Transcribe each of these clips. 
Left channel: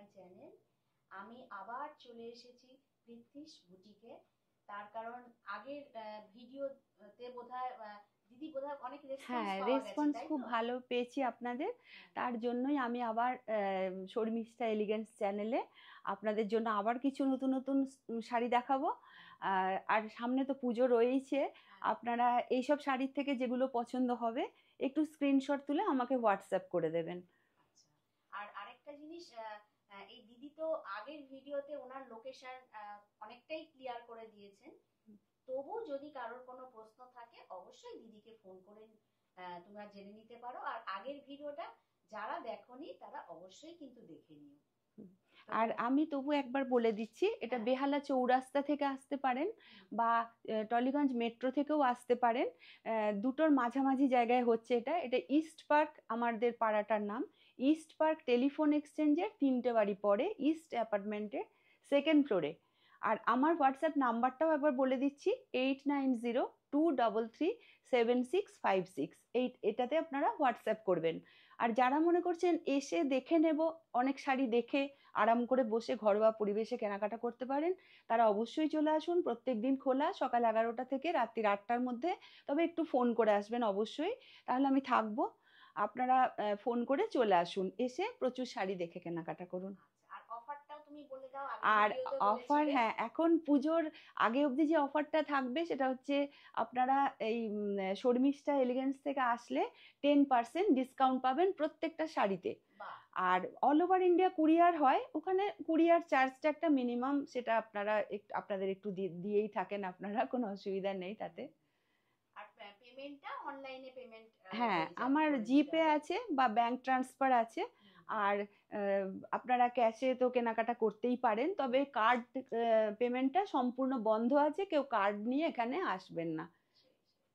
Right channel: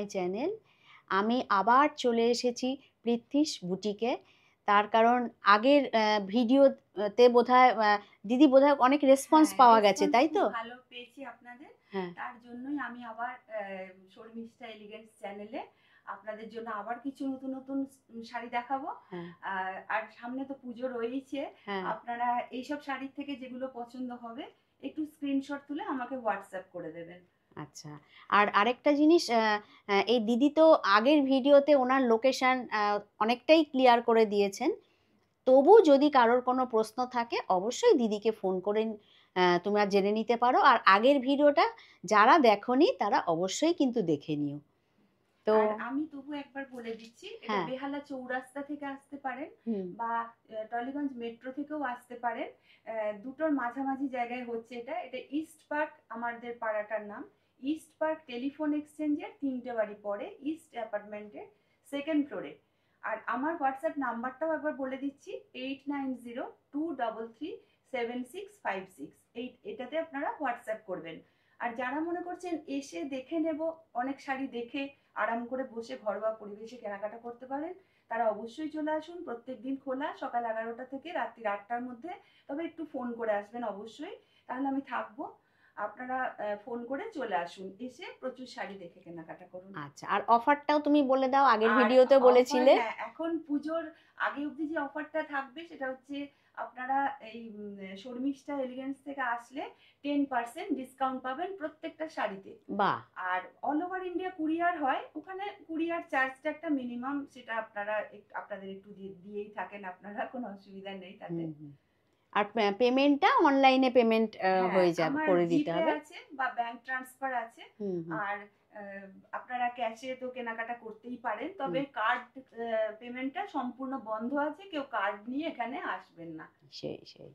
My channel. আমি আবার চলে এসেছি পৃথ্বীশ বুটিকে। তার কারণ আগের ভিডিওতে বোধহয় দিদি বোধহয় অনেক রেসপন্স পাওয়া গেছে, তাই তো? ভালো পেয়েছি আপনাদের। হ্যাঁ, তার জন্যই আমি আবার শর্মিষ্ঠা এলিগেন্স চ্যানেলে আপনাদের জন্য আবার কিছু নতুন নতুন শাড়ি দেখাবো। হ্যাঁ, আর সামনে তো পুজো রয়েছে, হ্যাঁ। আপনারা এইসব শাড়ির থেকে যেগুলো পছন্দ হবে একটু স্ক্রিনশট তুলে আমাকে হোয়াটসঅ্যাপ করে দেবেন। আচ্ছা, আর আরেকটা জিনিস, এই দিদি তো আগের ভিডিওতে ওনার লোকেশন অনেকটাই ক্লিয়ার করে দিয়েছেন। তবু যদি কারোর কোনো প্রশ্ন থাকে অবশ্যই দিদিকে ফোন করে তোমরা জেনে নিতে পারো। আর আগের ভিডিওটা যারা দেখোনি তারা অবশ্যই কিন্তু দেখে নিও। তো আর আমি তবু একবার বলে দিচ্ছি, এটা হ্যাঁ, বেহালা চৌরাস্তা থেকে আসতে পারেন হুম, বা টলিগঞ্জ মেট্রো থেকেও আসতে পারেন। দুটোর মাঝামাঝি জায়গায় হচ্ছে এটা। এটা ইস্ট পার্ক, আমাদের পাড়াটার নাম ইস্ট পার্ক টেলিফোন এক্সচেঞ্জের 3টে বাড়ি পরে ইস্ট অ্যাপার্টমেন্টের 2nd ফ্লোরে। আর আমার হোয়াটসঅ্যাপ নাম্বারটাও একবার বলে দিচ্ছি, 8902337656। এটাতে আপনারা হোয়াটসঅ্যাপ করবেন। আর যারা মনে করছেন এসে দেখে নেব, অনেক শাড়ি দেখে আরাম করে বসে ঘরোয়া পরিবেশে কেনাকাটা করতে পারেন, তারা অবশ্যই চলে আসুন। প্রত্যেকদিন খোলা সকাল 11টা থেকে রাত্রি 8টার মধ্যে। তবে একটু ফোন করে আসবেন অবশ্যই, তাহলে আমি থাকবো। আপনারা ফোন করে চলে আসুন, এসে প্রচুর শাড়ি দেখে কেনাকাটা করুন। আচ্ছা, আর অফারটাও তুমি বলে দাও, আগের আর ভিডিওতে অফার, বলেছিলে। হ্যাঁ, এখন পুজোর আগে অবধি যে অফারটা থাকবে সেটা হচ্ছে, আপনারা এই শর্মিষ্ঠা এলিগেন্স থেকে আসলে 10% ডিসকাউন্ট পাবেন প্রত্যেকটা শাড়িতে। বাহ, আর অল ওভার ইন্ডিয়া কুরিয়ার হয়, ওখানে কুরিয়ার চার্জটা একটা মিনিমাম, সেটা আপনারা আপনাদের একটু দিয়েই থাকেন আপনারা, কোনো অসুবিধা নেই তাতে। আর পেমেন্টটা অনলাইনে পেমেন্ট হ্যাঁ, হয়ে যাবে, আমার করে দিতে জিপে হবে। আছে বা ব্যাংক ট্রান্সফার আছে। আর আপনারা ক্যাশে তো কেনাকাটা করতেই পারেন, তবে কার্ড পেমেন্টটা সম্পূর্ণ বন্ধ আছে, কেউ কার্ড নিয়ে এখানে আসবেন না। সেই সেই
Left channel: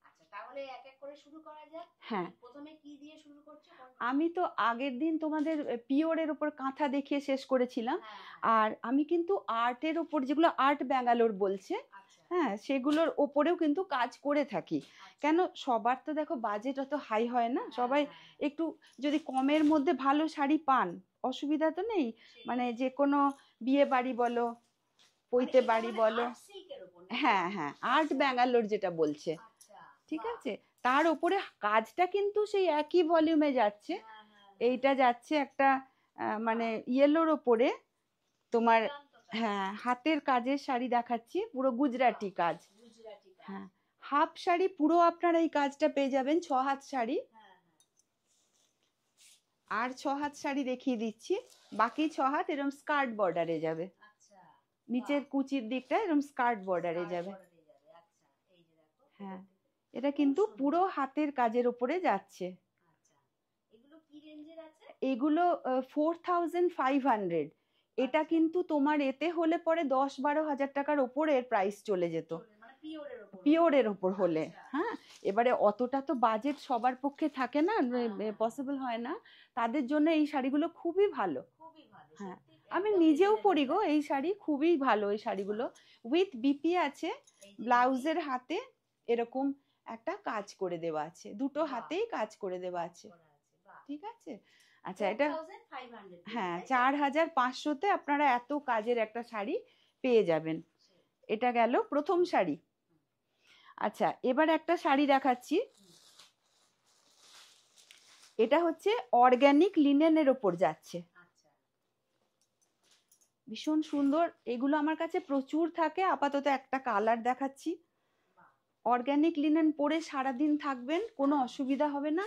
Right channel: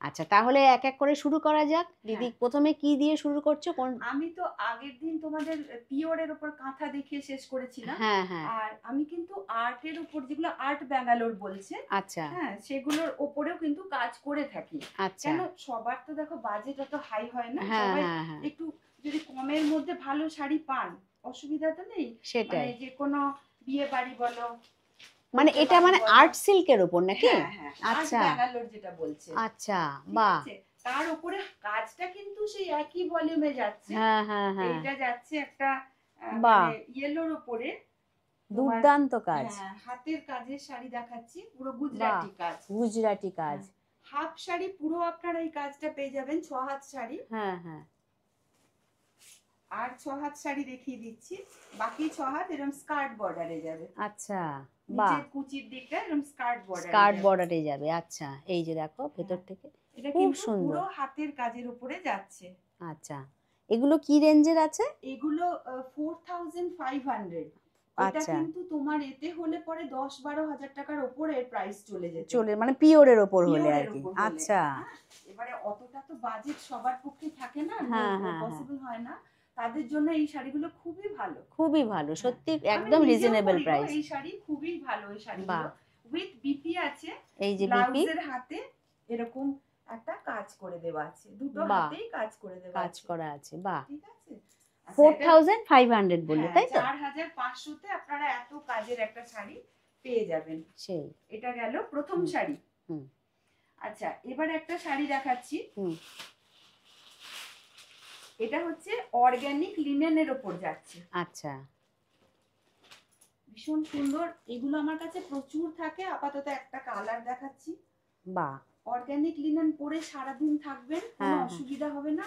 আচ্ছা, তাহলে এক এক করে শুরু করা যাক। দিদি হ্যাঁ, প্রথমে কি দিয়ে শুরু করছো? কোন? আমি তো আগের দিন তোমাদের পিওরের উপর কাঁথা দেখিয়ে শেষ করেছিলাম। হ্যাঁ, হ্যাঁ। আর আমি কিন্তু আর্টের উপর, যেগুলো আর্ট ব্যাঙ্গালোর বলছে, আচ্ছা, হ্যাঁ, সেগুলোর ওপরেও কিন্তু কাজ করে থাকি। আচ্ছা। কেন, সবার তো দেখো বাজেট অত হাই হয় না, হ্যাঁ, সবাই হ্যাঁ, হ্যাঁ, একটু যদি কমের মধ্যে ভালো শাড়ি পান, অসুবিধা তো নেই। মানে সেটাই। যে কোনো বিয়ে বাড়ি বলো, মানে পৈতে এটা বাড়ি মানে বলো, আর্ট সিল্কের উপর নাকি? হ্যাঁ হ্যাঁ, আর্ট আচ্ছা, ব্যাঙ্গালোর যেটা বলছে, আচ্ছা। ঠিক বাহ। আছে। তার উপরে কাজটা কিন্তু সেই একই ভলিউমে যাচ্ছে। হ্যাঁ, হ্যাঁ, হ্যাঁ। এইটা যাচ্ছে একটা বাহ, মানে ইয়েলোর ওপরে তোমার, দুর্দান্ত কাজ। হ্যাঁ, হাতের কাজের শাড়ি দেখাচ্ছি, পুরো বাহ, গুজরাটি কাজ। গুজরাটি কাজ। হ্যাঁ, হাফ শাড়ি পুরো আপনারা এই কাজটা পেয়ে যাবেন 6 হাত শাড়ি। হ্যাঁ, হ্যাঁ। আর 6 হাত শাড়ি দেখিয়ে দিচ্ছি, বাকি 6 হাত এরকম স্কার্ট বর্ডারে যাবে। আচ্ছা, বাহ। নিচের কুচির দিকটা এরকম স্কার্ট বর্ডারে স্কার্ট যাবে। বর্ডারে যাবে। আচ্ছা, এই যে দেখো ভেতর হ্যাঁ, থেকে এটা খুব কিন্তু পুরো সুন্দর। হাতের কাজের উপরে যাচ্ছে। আচ্ছা, এগুলো কি রেঞ্জের আছে? এইগুলো 4500। এটা আচ্ছা, কিন্তু তোমার এতে হলে পরে 10-12 হাজার টাকার ওপরে প্রাইস চলে যেত, চলে মানে পিওরের ওপর হলে আর পিওরের কি। ওপর হলে। আচ্ছা। হ্যাঁ, এবারে অতটা তো বাজেট সবার পক্ষে থাকে না, হ্যাঁ, হ্যাঁ, হ্যাঁ। পসিবল হয় না। তাদের জন্য এই শাড়িগুলো খুবই ভালো। খুবই ভালো, হ্যাঁ, সত্যি আমি একদম নিজেও রিজনেবল পরি গো প্রাইস। এই শাড়ি, খুবই ভালো এই শাড়িগুলো। বাহ, উইথ বিপি আছে, এই যে বিপি। ব্লাউজের হাতে এরকম একটা কাজ করে দেওয়া আছে, দুটো বাহ, হাতেই কাজ করে দেওয়া কাজ আছে, করা আছে। বাহ। ঠিক আছে। আচ্ছা, এটা 4500 বললে, হ্যাঁ, তাই তো? 4500-তে আপনারা এত কাজের একটা শাড়ি পেয়ে যাবেন। সেই। এটা গেল প্রথম হুম, শাড়ি। হুম, আচ্ছা, এবার একটা শাড়ি দেখাচ্ছি। হুম। এটা হচ্ছে অর্গানিক লিনেনের ওপর যাচ্ছে, আচ্ছা, ভীষণ সুন্দর। এগুলো আমার কাছে প্রচুর থাকে, আপাতত একটা কালার দেখাচ্ছি। বাহ। অর্গানিক লিনেন পরে সারাদিন থাকবেন, কোনো হ্যাঁ, হ্যাঁ। অসুবিধা হবে না।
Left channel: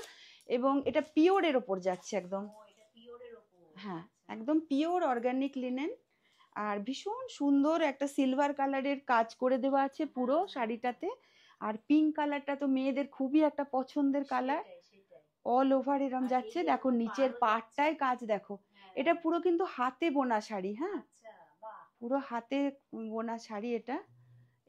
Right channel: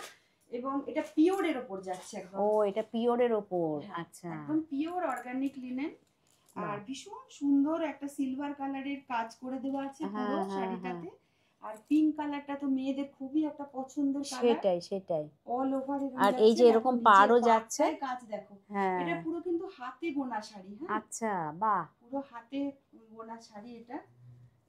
এবং এটা পিওরের ওপর যাচ্ছে একদম। ও, এটা পিওরের ওপর। হ্যাঁ, আচ্ছা, একদম পিওর অর্গানিক লিনেন। আর বাহ। ভীষণ সুন্দর একটা সিলভার কালারের কাজ করে দেওয়া আছে পুরো হ্যাঁ, হ্যাঁ, হ্যাঁ। শাড়িটাতে। আর পিঙ্ক কালারটা তো মেয়েদের খুবই একটা পছন্দের কালার। সেটাই, সেটাই। অল ওভার এরকম আর এই যাচ্ছে, যে দেখো এরকম নিচের পাড়ও যাচ্ছে। পাটটায় কাজ দেখো। হ্যাঁ। এটা পুরো কিন্তু হাতে বোনা শাড়ি, হ্যাঁ, আচ্ছা, বাহ। পুরো হাতে বোনা শাড়ি এটা।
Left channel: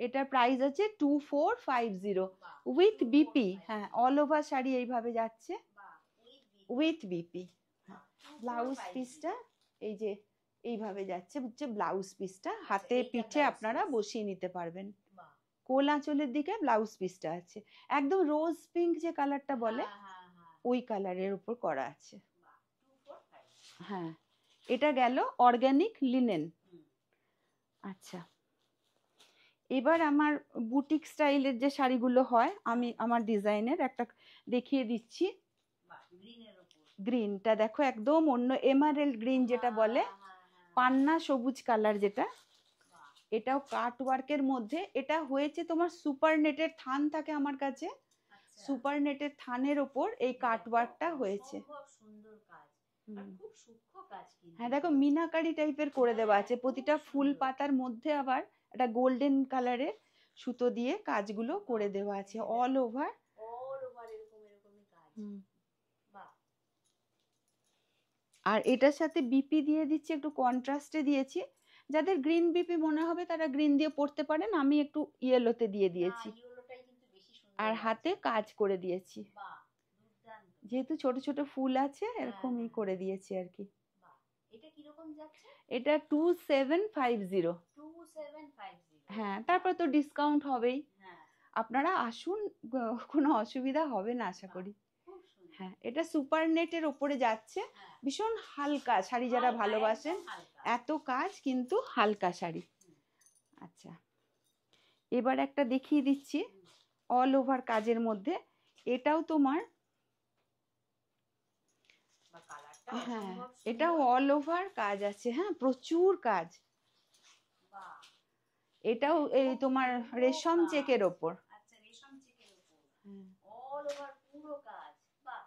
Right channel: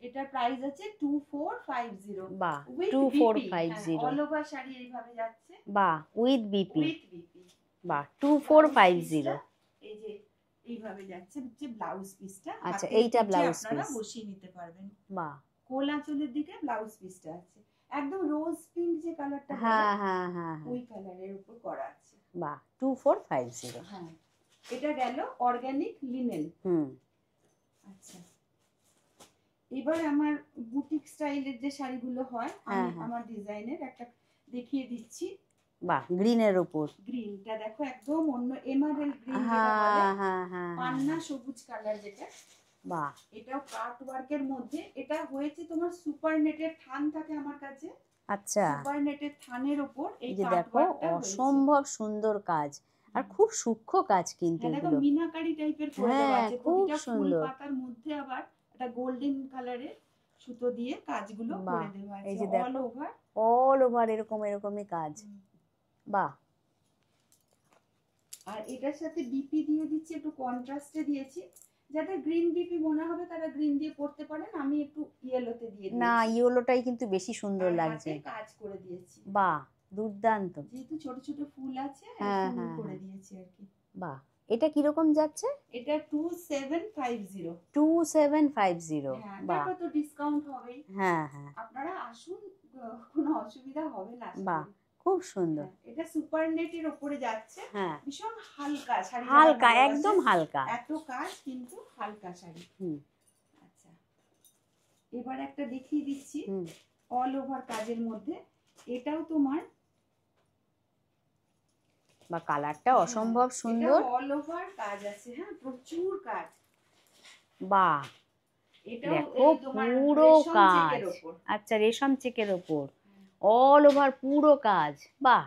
এটার প্রাইস আছে 2450 বাহ, উইথ বিপি। হ্যাঁ, 2450। অল ওভার শাড়ি এইভাবে যাচ্ছে, বাহ, উইথ বিপি। With BP. বাহ, ব্লাউজ 2450। পিসটা এই যে এইভাবে যাচ্ছে, হচ্ছে ব্লাউজ পিসটা, আচ্ছা, হাতে এইটা পিঠে ব্লাউজ আপনারা পিস। বসিয়ে নিতে পারবেন। বাহ। কোল আঁচলের দিকে ব্লাউজ পিসটা আছে, একদম রোজ পিঙ্ক যে কালারটা বলে হ্যাঁ, হ্যাঁ, হ্যাঁ, হ্যাঁ। ওই কালারের উপর করা আছে। বাহ, 2450। হ্যাঁ, এটা গেল অর্গানিক লিনেন। আচ্ছা, এবার আমার বুটিক স্টাইলের যে শাড়িগুলো হয়, আমি আমার ডিজাইনের একটা দেখিয়ে দিচ্ছি। বাহ, গ্রিনের উপর। গ্রিনটা দেখো একদম অন্য এমারেল্ড গ্রিন যেটা বলে, পান্না সবুজ কালার যেটা। বাহ, এটাও কাট ওয়ার্কের মধ্যে। এটা হয়েছে তোমার সুপার নেটের থান থাকে আমার কাছে। আচ্ছা, সুপার নেটের থানের উপর এই যে কাট দেখো ওয়ার্কটা হয়েছে। অসম্ভব সুন্দর কাজ, আর খুব সূক্ষ্ম কাজ কিন্তু হ্যাঁ দেখো এগুলো। মিনাকারি টাইপের করে দেওয়া আছে। খুব প্রতিটা ফুল সুন্দর। পাতার মধ্যে আবার একটা গোল্ডেন কালারের সুতো দিয়ে কাজগুলো বাহ, করে দেওয়া এই আছে যে অল দেখো ওভার। অল ওভার এরকমই কাজ। বাহ, আর এটার সাথে বিপি দিয়ে দিচ্ছি, একটু কন্ট্রাস্টে দিয়েছি। যাদের গ্রিন বিপি মনে হবে তারা গ্রিন দিয়ে পড়তে পারেন, আমি একটু ইয়েলোতে দিয়ে না দিয়েছি। ইয়েলোটাই কিন্তু বেশি সুন্দর আর লাগছে। হাতে কাজ করে দিয়েছি। বাহ, দুর্দান্ত। যেহেতু ছোট ছোট ফুল আছে এরকমই করে দিয়েছি আর কি। বাহ, এটা কিরকম যাচ্ছে? এটা 2750। 2750। হ্যাঁ, তারপর তো ডিসকাউন্ট হবেই। হ্যাঁ, আপনারা আসুন, কোনো অসুবিধা হবে না আশা করি। খুব সুন্দর। এটা সুপার নেটের উপরে যাচ্ছে। ভীষণ হালকা শাড়ি, হালকা, একদম হালকা। এত কাজ কিন্তু হালকা শাড়ি। আচ্ছা, এবার একটা দেখিয়ে দিচ্ছি অল ওভার কাজের মধ্যে। এটাও তোমার বা কালারটা অসম্ভব সুন্দর। এটা অল ওভার কাজ আছে। হ্যাঁ, প্রচুর কাজ। বাহ, এটাও এই তোমার রেশম চেকের উপর। আচ্ছা, রেশম চেকের উপর অল ওভার পুরো কাজ। বাহ,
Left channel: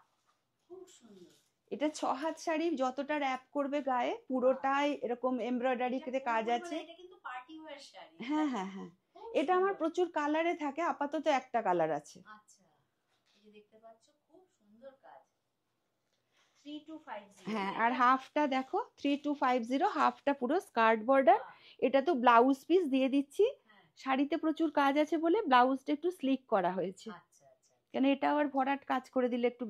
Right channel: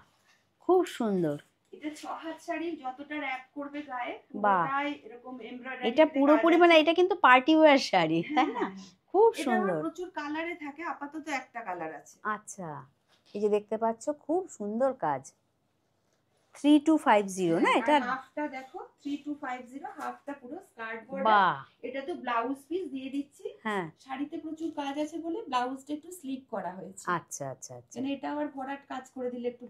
খুব সুন্দর। এটা 6 হাত শাড়ি, যতটা র‍্যাপ করবে গায়ে পুরোটাই এরকম এমব্রয়ডারি। এটা পুরোপুরি মানে এটা কিন্তু পার্টি ওয়্যার শাড়ি। হ্যাঁ, খুব এটা সুন্দর। আমার প্রচুর কালারে থাকে, আপাতত একটা কালার আছে। আচ্ছা, এই যে দেখতে পাচ্ছ খুব সুন্দর কাজ। 3250 না এটা? হাফটা দেখো 3250, হাফটা পুরো স্কার্ট বর্ডার। এটা তো ব্লাউজ পিস দিয়ে দিচ্ছি। শাড়িতে প্রচুর কাজ আছে বলে ব্লাউজটা একটু স্লিক করা হয়েছে। আচ্ছা আচ্ছা, কারণ এটা আবার ভরাট কাজ করে দিলে একটু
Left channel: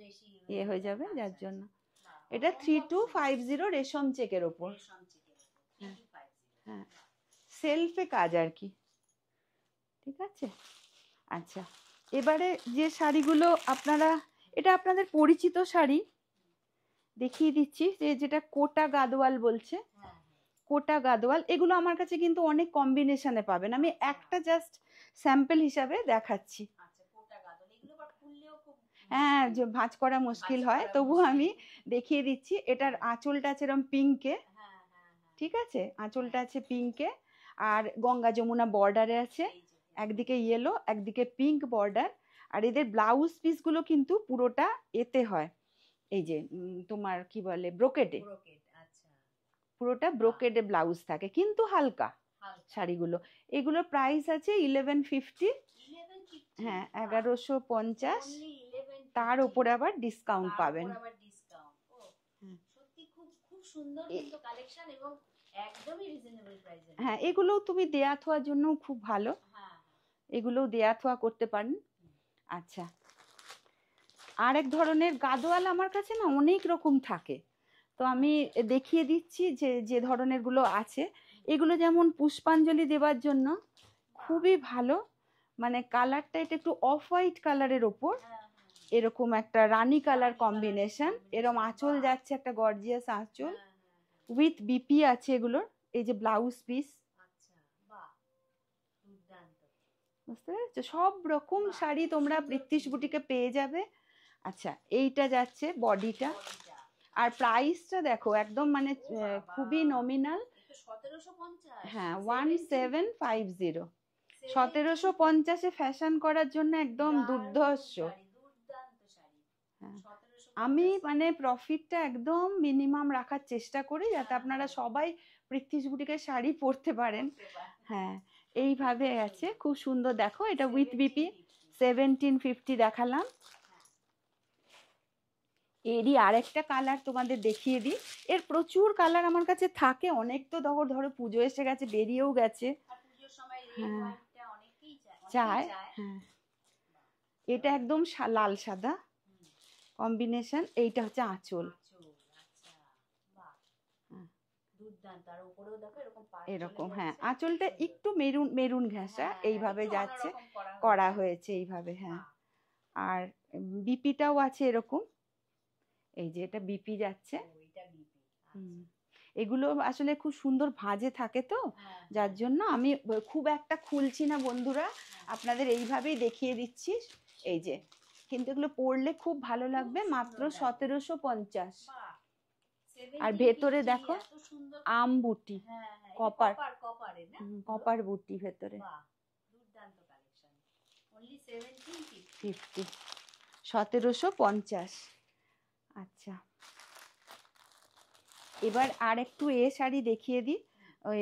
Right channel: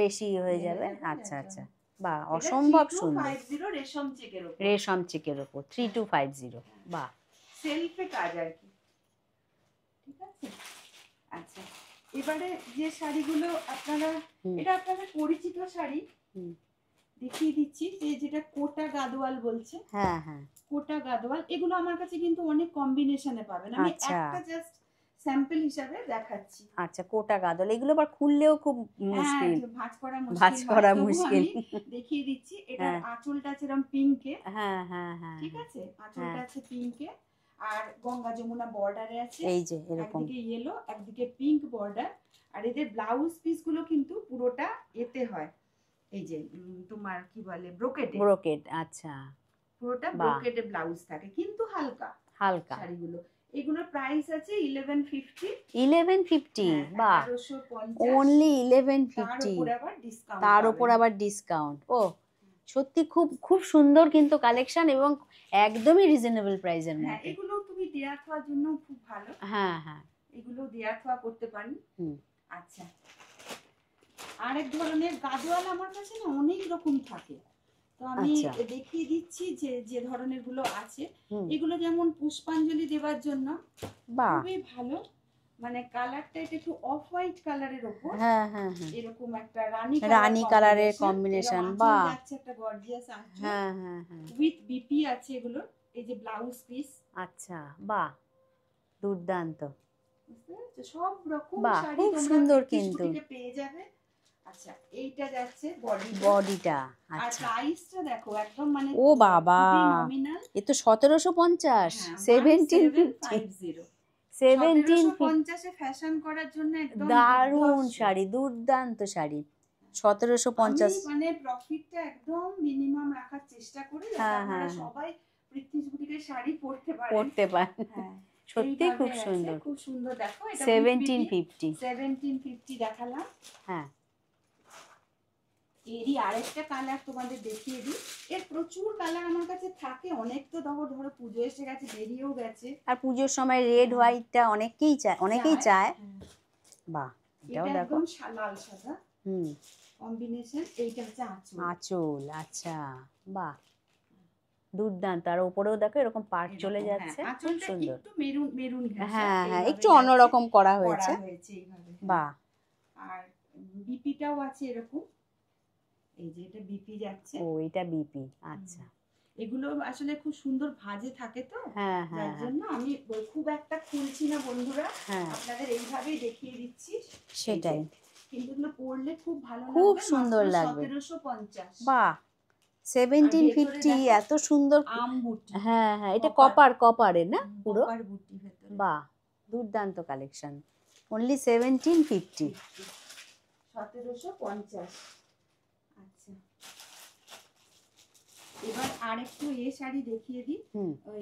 বেশি হয়ে যাবে। আচ্ছা আচ্ছা, বাহ, এটা অসম্ভব সুন্দর। 3250 রেশম চেকের উপর। রেশম চেকের উপর 3250। বাহ, সেলফে কাজ আর কি। ঠিক আছে। আচ্ছা, এবারে যে শাড়িগুলো আপনারা, এটা আপনাদের পরিচিত শাড়ি, দেখিয়ে দিচ্ছি। যেটা কোটা গাদোয়াল বলছে। কোটা গাদোয়াল, এগুলো আমার কাছে কিন্তু অনেক কম্বিনেশনে পাবেন। আমি একটা জাস্ট স্যাম্পল হিসাবে দেখাচ্ছি। আচ্ছা, কোটা গাদোয়াল এগুলো আবার খুললেও খুব মুশকিল, ভাঁজ করা মুশকিল হয়, তবু আমি দেখিয়ে দিচ্ছি। এটার আঁচলটা আছে এরকম পিঙ্কে। ঠিক আছে, আঁচলটা আছে পিঙ্কে, আর গঙ্গা যমুনা বর্ডারে আছে। এই যে একদিকে ইয়েলো, একদিকে পিঙ্ক বর্ডার। আর এদের ব্লাউজ পিস গুলো কিন্তু পুরোটা এতে হয়, এই যে তোমার কি বলে, ব্রোকেড। আচ্ছা, পুরোটা ব্রোকেডে ব্লাউজ থাকে, কিন্তু হালকা শাড়িগুলো। এগুলোর প্রাইস আছে 1150। 1150, বাহ, 1150 অনলি 1150। তার উপর আবার ডিসকাউন্ট। ও সত্যি খুব খুব সুন্দর কিন্তু কালেকশন, এবং একদমই রিজনেবল প্রাইসের মধ্যে। এগুলো তুমি দেয়া থোয়ার জন্য খুব ভালো। এগুলো দেয়া থোয়া করতে পারেন। আচ্ছা, আরেক ধরনের গাদোয়াল আমার কাছে না অনেক রকম থাকে, তো আমি দেখিয়ে দিচ্ছি যে ধরনের গুলো আছে। এগুলো যেমন পুষ্পাঞ্জলি দেওয়ার জন্য খুবই ভালো। মানে কালারটা এটা একটু অফ হোয়াইট কালারের উপর এরকম একটা রানী কালারের কম্বিনেশন। আঁচল যাচ্ছে একটা গর্জিয়াস আঁচল, উইথ বিপি আছে এগুলোর। এই যে ব্লাউজ পিস। আচ্ছা, বাহ, দুর্দান্ত। বুঝতে পেরেছো? সব রকম শাড়ি তোমরা প্রিটিশ বুটিকে পেয়ে যাবে। আচ্ছা, এইটা যাচ্ছে বডিটা। আর প্রাইসটা দেখো একদম মানে ও বাবা, খুবই নমিনাল। এ তো 1750। 1750। 1750 এ ফ্যাশন করার জন্য একদম দারুণ শাড়ি, দুর্দান্ত শাড়ি। 1750। আমি মানে প্রফিটটা একদম মিনিমাম রাখার চেষ্টা করি, যাতে আপনারা সবাই প্রিটিশ বুটিকের শাড়ি পরতে পারেন। সত্যি খুব সুন্দর, খুব সুন্দর। দেখো এটা 1750 দেখালাম। এরই আরেকটা কালার তোমাদের দেখিয়ে দিই। এর প্রচুর কালার আমার কাছে থাকে, অনেক তো ধরো পুজো এসে গেছে, বেরিয়েও গেছে। আর পুজোর সময় রেড হোয়াইটটা অনেকেই চায়। বাহ, এটা একদম লাল সাদা কম্বিনেশন। এইটা হচ্ছে আঁচল। আচ্ছা, বাহ, দুর্দান্ত। আর উপরেও দেখো এরকম পাড় চলে যাচ্ছে। আঁচলটা একটু মেরুন ঘেঁষা, একটু অন্যরকম করা হয়েছে এইভাবে। বাহ, আর বিপিটাও আছে এরকম। এই যে এটা বিপি যাচ্ছে। ও, এটা বিপি। আচ্ছা, এগুলো আসলে খুব সুন্দর ভাঁজে থাকে তো, হ্যাঁ যার হ্যাঁ জন্য আমি খুব একটা খুলছি না বন্ধুরা, হ্যাঁ, আপনাদের এইভাবেই দেখিয়ে দিচ্ছি। এই যে, সেটাই, কিন্তু এগুলো পরলে খুব ভালো খুব লাগবে, সুন্দর মাত্র লাগবে। 1750। বাহ, আর ভেতরে 1750, দেখো এত সুন্দর। আম বুটি, হ্যাঁ হ্যাঁ, এটা কপার, কপারের না পুরো? কপার বুটি ভেতরে। বাহ, দুর্দান্ত কালেকশন। অনলি 1750। 1750। আচ্ছা, এবার আর একটু শাড়ি দেখিয়ে দিই। হুম, ওই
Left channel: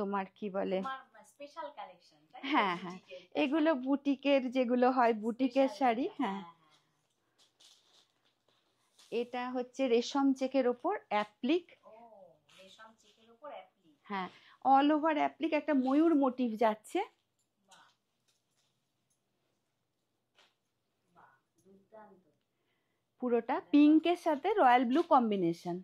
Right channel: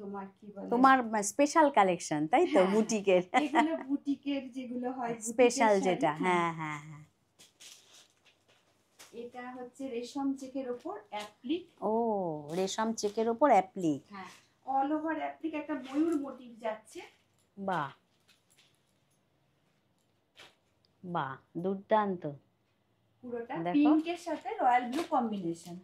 তোমার কি বলে, তোমার স্পেশাল কালেকশন তাই তো, হ্যাঁ, হ্যাঁ, বুটিকের? এগুলো বুটিকের যেগুলো হয়, বুটিকের স্পেশাল শাড়ি। যেটা, হ্যাঁ, হ্যাঁ হ্যাঁ হ্যাঁ। এটা হচ্ছে রেশম চেকের ওপর অ্যাপ্লিক। ও, রেশম চেকের ওপর অ্যাপ্লিক। হ্যাঁ, অল ওভার অ্যাপ্লিক, একটা ময়ূর মোটিভ যাচ্ছে। বাহ বাহ, দুর্দান্ত। পুরোটা দেখো, পিঙ্কের সাথে রয়্যাল ব্লু কম্বিনেশন।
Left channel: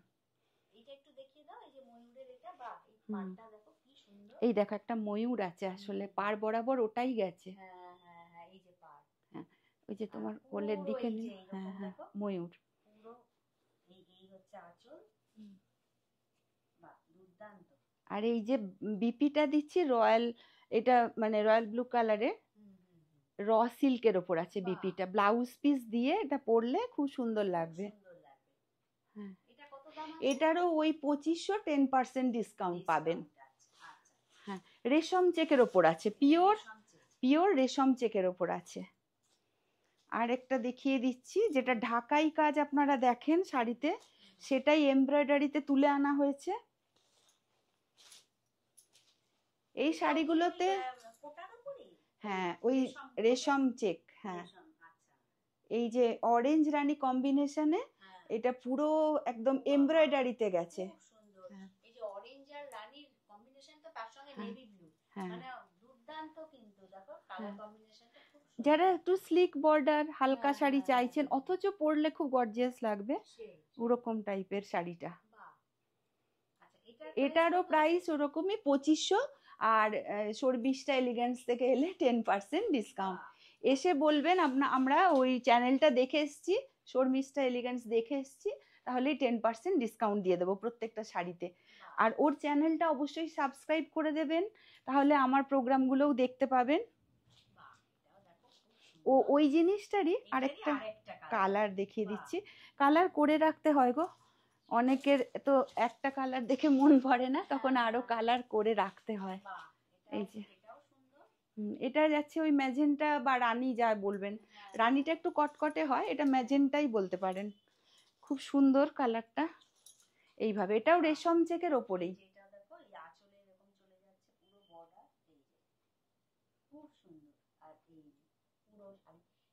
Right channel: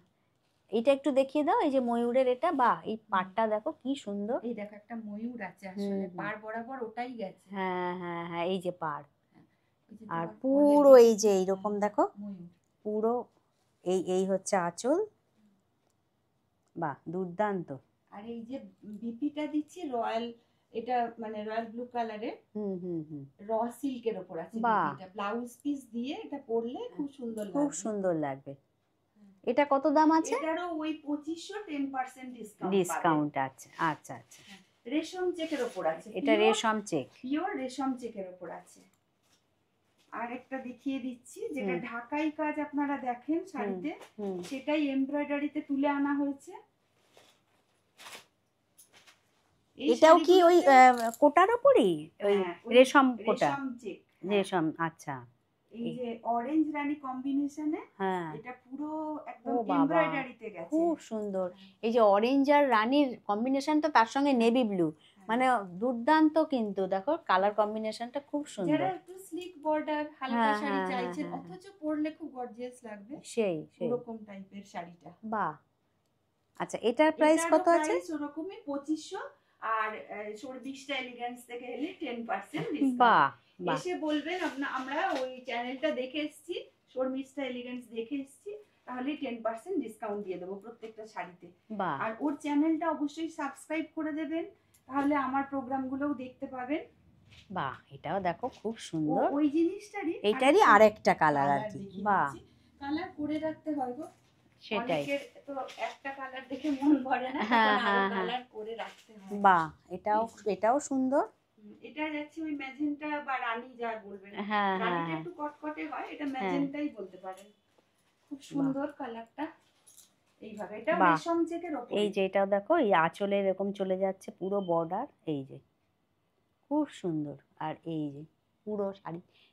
এটা একটু দেখিয়ে দাও, এই যে ময়ূরের এটা, বাহ, এই পাড়টা দেখো কি সুন্দর। এই দেখো একটা ময়ূর আছে, আসলে হুম, পার বরাবর ওটাই গেছে। হ্যাঁ হ্যাঁ হ্যাঁ, এই যে পাড়, হ্যাঁ, ওই যে আর তোমার পুরো এই যে এইরকম দেখো ময়ূর। পুরো, এই হচ্ছে আঁচল। বাহ, দুর্দান্ত। আর এই যে বিপিটা দিচ্ছি রয়্যাল, এটা মানে রয়্যাল ব্লু কালারের হুম হুম হুম, র সিল্কের ওপর আছে বাহ, বিপিটা। ব্লাউজ পিস দিয়ে এটা পরলে খুব সুন্দর খুব লাগবে। সুন্দর লাগবে। হ্যাঁ। এটা কত দাম আছে? এটারও ওই 2500, 10% ডিসকাউন্ট পাবেন। ডিসকাউন্ট আছে, আচ্ছা আচ্ছা। হ্যাঁ, রেশম চেকের ওপর আছে, এটা রেশম চেক। পিওর রেশম চেকের ওপর আছে। আর একটা দেখিয়ে দিচ্ছি, যেটা হুম, ঢাকাই কাজ আপনারা দেখেন শাড়িতে, হুম, সেটাই এমব্রয়ডারিতে তুলে আনা হয়েছে। এই এটাও কি ওই শাড়িগুলোতে কোটার ওপরই? ওই হ্যাঁ, ওই রেশম কোটা? রেশম চেক। হ্যাঁ, রেশম, আচ্ছা। এই যে অরেঞ্জ রানী কম্বিনেশনে, হ্যাঁ, এটা পুরো একদম ও বাবা, এমব্রয়ডারিতে গেছে। খুব সুন্দর। এই যে অরেঞ্জ আর রানীর কম্বিনেশনটা, তার সঙ্গে হ্যাঁ, নেভি ব্লু, হ্যাঁ, মানে দুর্দান্ত। কিন্তু দেখো কালার কম্বিনেশনটা খুব যারা সুন্দর। একটু স্লিক বর্ডার হালকা হ্যাঁ শাড়ি হ্যাঁ হ্যাঁ চাইছেন, হ্যাঁ, অথচ পরলে খুব গর্জিয়াস লাগবে, সেই সেই, ওরকম টাইপের শাড়িটা। বাহ। আচ্ছা, এটার প্রাইস এটারও কত আছে? প্রাইস ওরকমই 2500। আর শর্মিষ্ঠা এলিগেন্স থেকে এলে 10% ডিসকাউন্ট। বাহ বাহ, এসে বলবেন আমরা ওই চ্যানেলটা দেখে এসেছি, শর্মিষ্ঠা এলিগেন্স দেখে এসেছি, তাহলে 10% ডিসকাউন্ট দিয়ে দেবো প্রত্যেকটা শাড়িতে। বাহ আর ওর চ্যানেলটা অবশ্যই সাবস্ক্রাইব করে দেবেন, তাহলে আমার প্রোগ্রামগুলোও দেখতে পাবেন। বাহ, এটাও দেখো খুব ও সুন্দর। ওই জিনিসটারই এইটারই আরেকটা কালার আর কালার কি, দেখিয়ে বাহ, দিচ্ছি। কালার করে রাখতে হয় গো, সেটাই। অনেকের তো একটা কালার দেখে মন ভরে না, হ্যাঁ তখন আরো হ্যাঁ হ্যাঁ, কালার করে রাখতে হয়। বাহ, এটাও এই যে, এটাও সুন্দর। এটা যাচ্ছে ওই ম্যাজেন্টা বা রানী যা বলবেন। হ্যাঁ হ্যাঁ রানীটা হ্যাঁ একটু কটকটে হয়, এটা হ্যাঁ, ম্যাজেন্টাই বলতে পারেন। খুব সুন্দর কালারটা। এইভাবে এটাও বাহ, রেশম চেকের ওপরে। এই যে এটাও দেখো, এই আঁচলে এরকম চলে যাচ্ছে পুরো বর্ডার, এই যে খুব সুন্দর। আর এই যে পুরো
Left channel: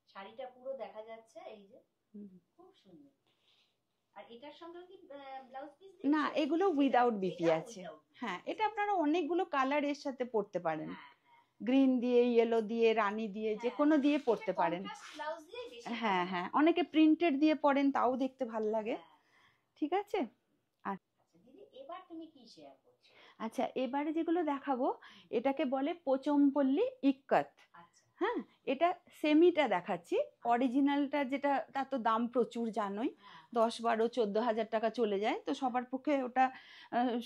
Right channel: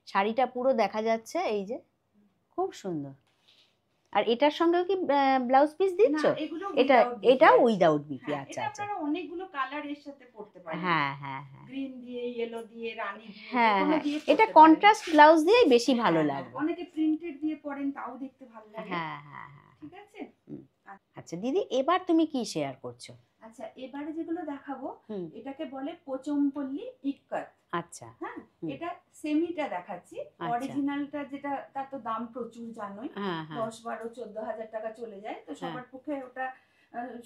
শাড়িটা পুরো দেখা যাচ্ছে, এই যে খুব সুন্দর। আর এটার সঙ্গেও কি ব্লাউজ পিস না, দিচ্ছ? এগুলো এটা উইদাউট বিপি এটাও আছে। উইদাউট বিপি, হ্যাঁ, আচ্ছা এটা আচ্ছা। আপনারা অনেকগুলো কালার এর সাথে পরতে পারেন। হ্যাঁ হ্যাঁ হ্যাঁ গ্রিন দিয়ে, ইয়েলো দিয়ে, রানী দিয়ে, যে হ্যাঁ কোনো হ্যাঁ, দিয়ে এটা পরতে পারেন। কন্ট্রাস্ট ব্লাউজ দিয়েই বেশি ভালো হ্যাঁ, হ্যাঁ, লাগবে। অনেকে প্রিন্টেড দিয়ে পরেন, তাও দেখতে ভালো লাগে। হ্যাঁ হ্যাঁ হ্যাঁ, ঠিক আছে। হুম। আচ্ছা দিদি, এবার তুমি কি শেয়ার করছো? আচ্ছা, এবারে যেগুলো দেখাবো, হুম, এটাকে বলে পোচমপল্লী ইক্কাত। আচ্ছা, হ্যাঁ, হুম, এটা সেমিটা দেখাচ্ছি। আচ্ছা, অরিজিনালটা যেটা, তার তো দাম প্রচুর জানোই, হ্যাঁ হ্যাঁ 10, 12, 14 হাজার টাকা চলে যায়, তো হ্যাঁ, সবার পক্ষে ওটা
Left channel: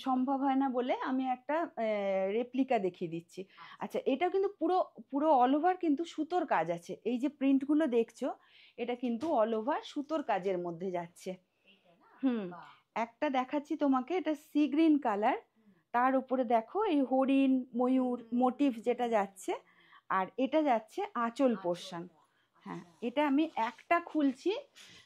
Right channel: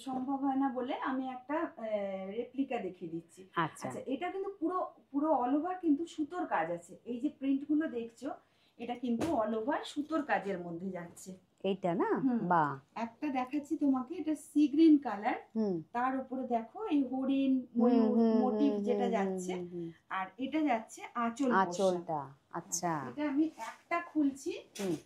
সম্ভব হয় না, বলে আমি একটা রেপ্লিকা দেখিয়ে দিচ্ছি। আচ্ছা, আচ্ছা, এটা কিন্তু পুরো পুরো অল ওভার কিন্তু সুতোর কাজ আছে। এই যে প্রিন্টগুলো দেখছো, এটা কিন্তু অল ওভার সুতোর কাজের মধ্যে যাচ্ছে। এইটা না, হুম, বাহ, একটা দেখাচ্ছি তোমাকে, এটা সি গ্রিন কালার, হুম, তার উপরে দেখো এই হরিণ ময়ূর মোটিভ যেটা হুম যাচ্ছে, হুম হুম, আর এটা যাচ্ছে আঁচল পোর্শন। আঁচলটা, হ্যাঁ, আচ্ছা, এটা আমি একটা খুলছি। হুম,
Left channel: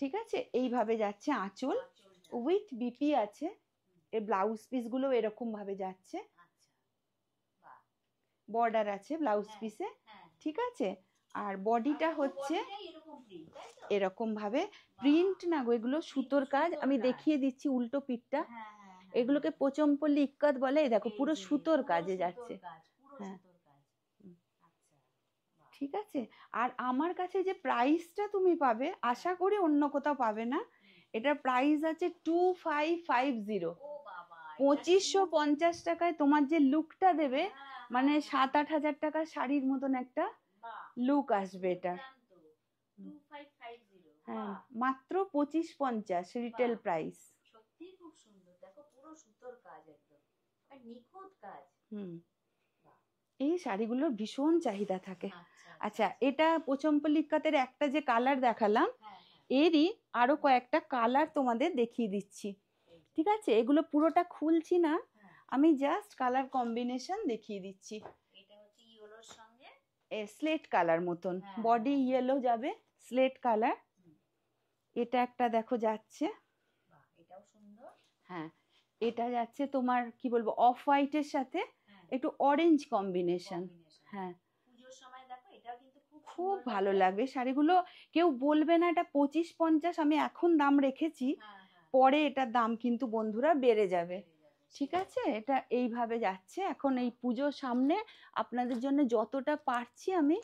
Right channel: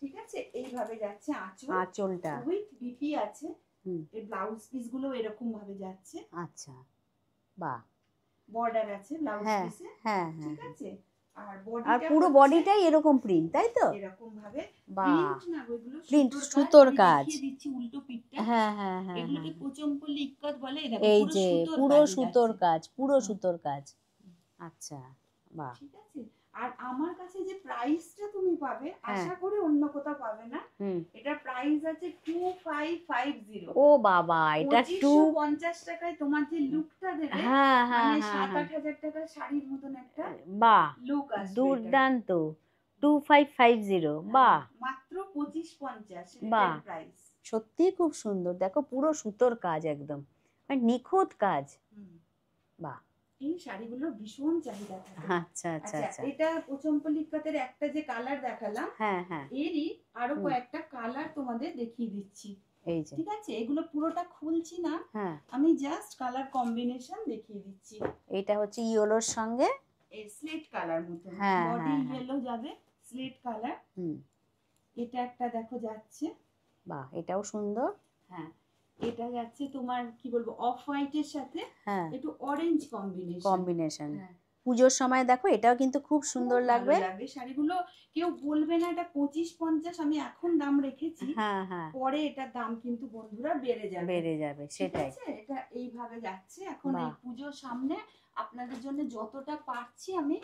ঠিক আছে, এইভাবে যাচ্ছে আঁচল, আঁচলটা, উইথ বিপি আছে। হুম, এর ব্লাউজ পিস গুলো এরকম ভাবে যাচ্ছে, আচ্ছা, বাহ, বর্ডার আছে ব্লাউজ হ্যাঁ পিসে। হ্যাঁ ঠিক হ্যাঁ, আছে, আর আর বডিটা পুরো হচ্ছে বডিটাই এরকম প্রিন্ট, তাই তো? এরকম ভাবে বাহ, প্রিন্ট না গো, এগুলো প্রিন্ট, সুতোর কাজ। সুতোর আমি কাজ, দেখিয়ে দিচ্ছি উল্টো পিঠটা। হ্যাঁ হ্যাঁ হ্যাঁ এগুলোকে হ্যাঁ, পোচমপল্লী ইক্কাত বলে। এই দেখো এই পুরো যে সুতোর পুরো কাজে সুতোর যাচ্ছে। কাজ, পুরো হ্যাঁ, সুতোর কাজ, আচ্ছা, বাহ, ঠিক আছে। আর আমার কাছে যে প্রাইসটা তুমি পাবে, হ্যাঁ, আশা করি অন্য কোথাও পাবে না। হুম, এটার প্রাইস আছে 2550। ও বাবা, এটা 2550 টাকায় তোমার যে লুকটা দেবে, হ্যাঁ হ্যাঁ মানে হ্যাঁ 7-8 হাজার টাকার শাড়ির মতন একটা বাহ, লুক আসবে এটা। দুর্দান্ত। 2550, বাহ মাত্র 2550 রিটেল বাহ প্রাইস। সত্যি খুব সুন্দর, দেখো পুরো সুতোর কাজ একদম, মানে নিখুঁত কাজ। বাহ এই শাড়িগুলোর ভীষণ চাহিদা থাকে। আচ্ছা আচ্ছা আচ্ছা, আচ্ছা এটা পোচমপল্লি ইক্কাতের একটা যে কালার দেখালাম, হ্যাঁ হ্যাঁ এরই আরো হুম, কয়েকটা কালার তোমাদের দেখিয়ে দিচ্ছি। এই যে ঠিক আছে, এগুলো পুরোটা খুলছি না, হ্যাঁ আমি জাস্ট কালার কম্বিনেশন দেখিয়ে দিচ্ছি। এটা হচ্ছে ইয়েলোর সঙ্গে, স্লেট কালার মতন, হ্যাঁ বডি হ্যাঁ হ্যাঁ ইয়েলো যাবে, স্লেট কালার। হুম, এটা একটা দেখো যাচ্ছে, বাহ এটাও সুন্দর, হ্যাঁ এটা যাচ্ছে তোমার কি বলবো অফ হোয়াইটের সাথে হ্যাঁ একটু অরেঞ্জ কম্বিনেশন। কম্বিনেশন। হ্যাঁ পুজোর সময় দেখো এটাও কিন্তু খুব খুব সুন্দর ভালো লাগবে। লাগবে শাড়িগুলো, কেউ বলবে না এটা 2550 আমি এখন দাম রেখেছি, হ্যাঁ হ্যাঁ পরে এটার দাম কিন্তু বন্ধুরা বেড়ে যাবে। বেড়ে যাবে, ঠিক সেটাই। আছে, এটা এইভাবে যাচ্ছে এখন এই বাহ পুজোর সামনে, আপনাদের জন্য যতটা পারছি আমি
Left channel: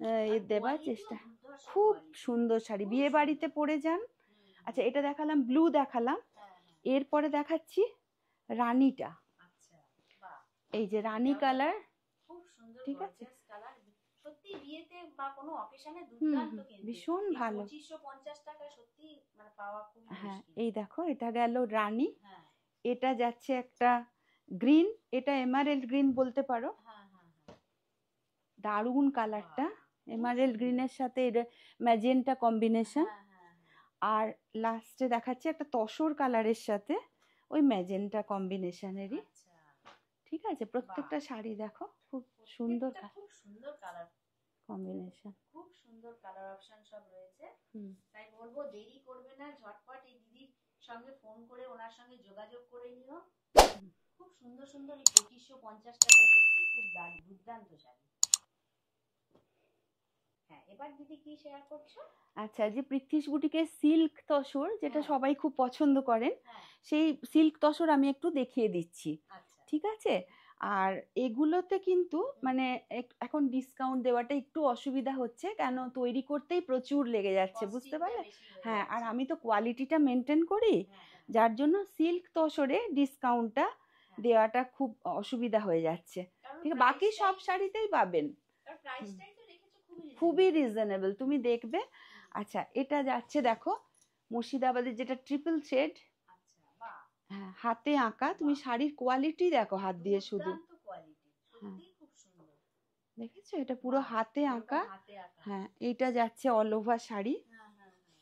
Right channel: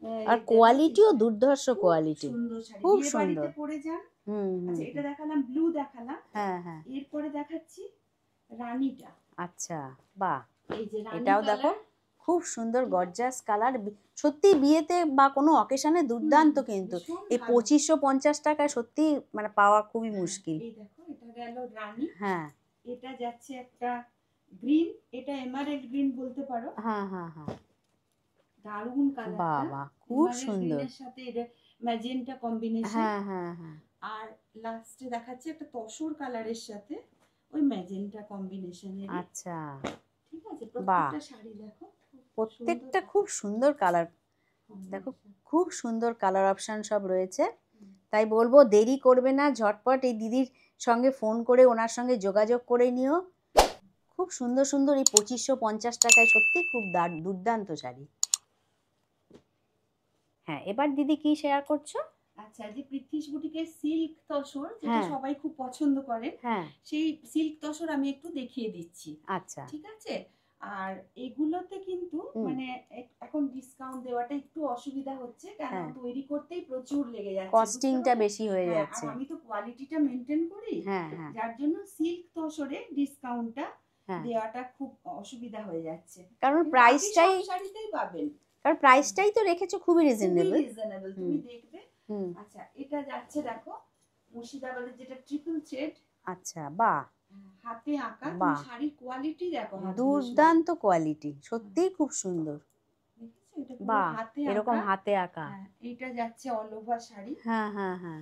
আর দেওয়ার কোয়ালিটিও চেষ্টা। দুর্ধর্ষ খুব কোয়ালিটি, সুন্দর শাড়ি, খুব বিয়ে বাড়িতে সুন্দর। পরে যান। হুম হুম আচ্ছা, এটা হুম, দেখালাম, ব্লু দেখালাম, হ্যাঁ হ্যাঁ এরপরে দেখাচ্ছি রানীটা। আচ্ছা বাহ এই যে রানী এটাও দেখো কালার, খুব সুন্দর ঠিক আছে, গর্জাস কালার, সত্যি বিয়েতে বা কোনো অকেশনে দুর্দান্ত কিন্তু। ভীষণ এই ভালো। 2550 টাকায় সত্যি মানে পাওয়া খুবই হ্যাঁ মুশকিল। এই দেখো, এটা গেল রানী, হ্যাঁ এটা যাচ্ছে একটা গ্রিন, এটা এমারেল্ড গ্রিন বলতে পারো, হ্যাঁ হ্যাঁ হ্যাঁ দারুণ বাহ কালারটা। বাহ খুব এমারেল্ড সুন্দর, গ্রিনের সাথে এটা ম্যাজেন্টা কম্বিনেশন। হ্যাঁ হ্যাঁ হ্যাঁ আর লাস্টে দেখাচ্ছে একটা তসর কালারের সাথে ওই ম্যাজেন্টা কম্বিনেশনেরই। আচ্ছা ঠিক আছে, বাহ প্রত্যেকটা শাড়ি দেখো খুব সুন্দর প্রত্যেকটা খুব সুন্দর কালার, দেখো কম্বিনেশন। খুব সুন্দর কালার অপশন সব রয়েছে। তাই বলবো দেরি করবে না, ঝটপট এই দিদির সঙ্গে ফোন করে ওনার সঙ্গে যোগাযোগ করে নিও। খুব সুন্দর সুন্দর এই 2550 টাকায় সত্যি খুব দুর্দান্ত শাড়ি। হ্যাঁ এবার দিদি কি শেয়ার করছো? আচ্ছা, যে পৃথ্বীশ বুটিকের সিল্ক তসর, যেটা হ্যাঁ সবাই খুব পছন্দ করেন, হ্যাঁ সেই সিল্ক তসর আমি একটু দেখিয়ে দিচ্ছি। আচ্ছা ঠিক আছে, আর এগুলোতে কিন্তু হুম, মানে এখন ডিসকাউন্ট দেওয়াটা একটু অসুবিধা হচ্ছে, কেন হ্যাঁ তৈরি করতেই প্রচুর লেগে যাচ্ছে, বুঝতে কস্টিংটা পারলে। বেশি হয়ে হ্যাঁ, আর যাচ্ছে। আমি তো কোয়ালিটিটা মেনটেন করি, হ্যাঁ হ্যাঁ যার জন্য সিল্ক তসরে ডিসকাউন্টটা হ্যাঁ দেওয়াটা খুব অসুবিধা হয়ে যাচ্ছে। কারণ ঠিক আছে, বাকি প্রাইসটাই, সব শাড়িতেই পাবেন। কারণ হুম, প্রাইসটাই তো রেখেছো খুবই খুবই রিজনেবল। রিজনেবল, হুম তুমি দেখবে। হুম আচ্ছা, এটা যাচ্ছে দেখো মুর্শিদাবাদের যেটা ট্রিপল শেড, আচ্ছা বাহ হ্যাঁ হাতে আঁকা, তুমি বাহ শাড়ির কোয়ালিটি দেখো হাত দিয়ে শুধু। দুর্দান্ত কোয়ালিটি, হ্যাঁ, সত্যিই খুব সুন্দর। দেখেছো এটা পুরো বাহ হাতে এরকম আঁকা। হাতে আঁকা, হ্যাঁ, এইটা যাচ্ছে অল ওভার শাড়ি, হ্যাঁ হ্যাঁ হ্যাঁ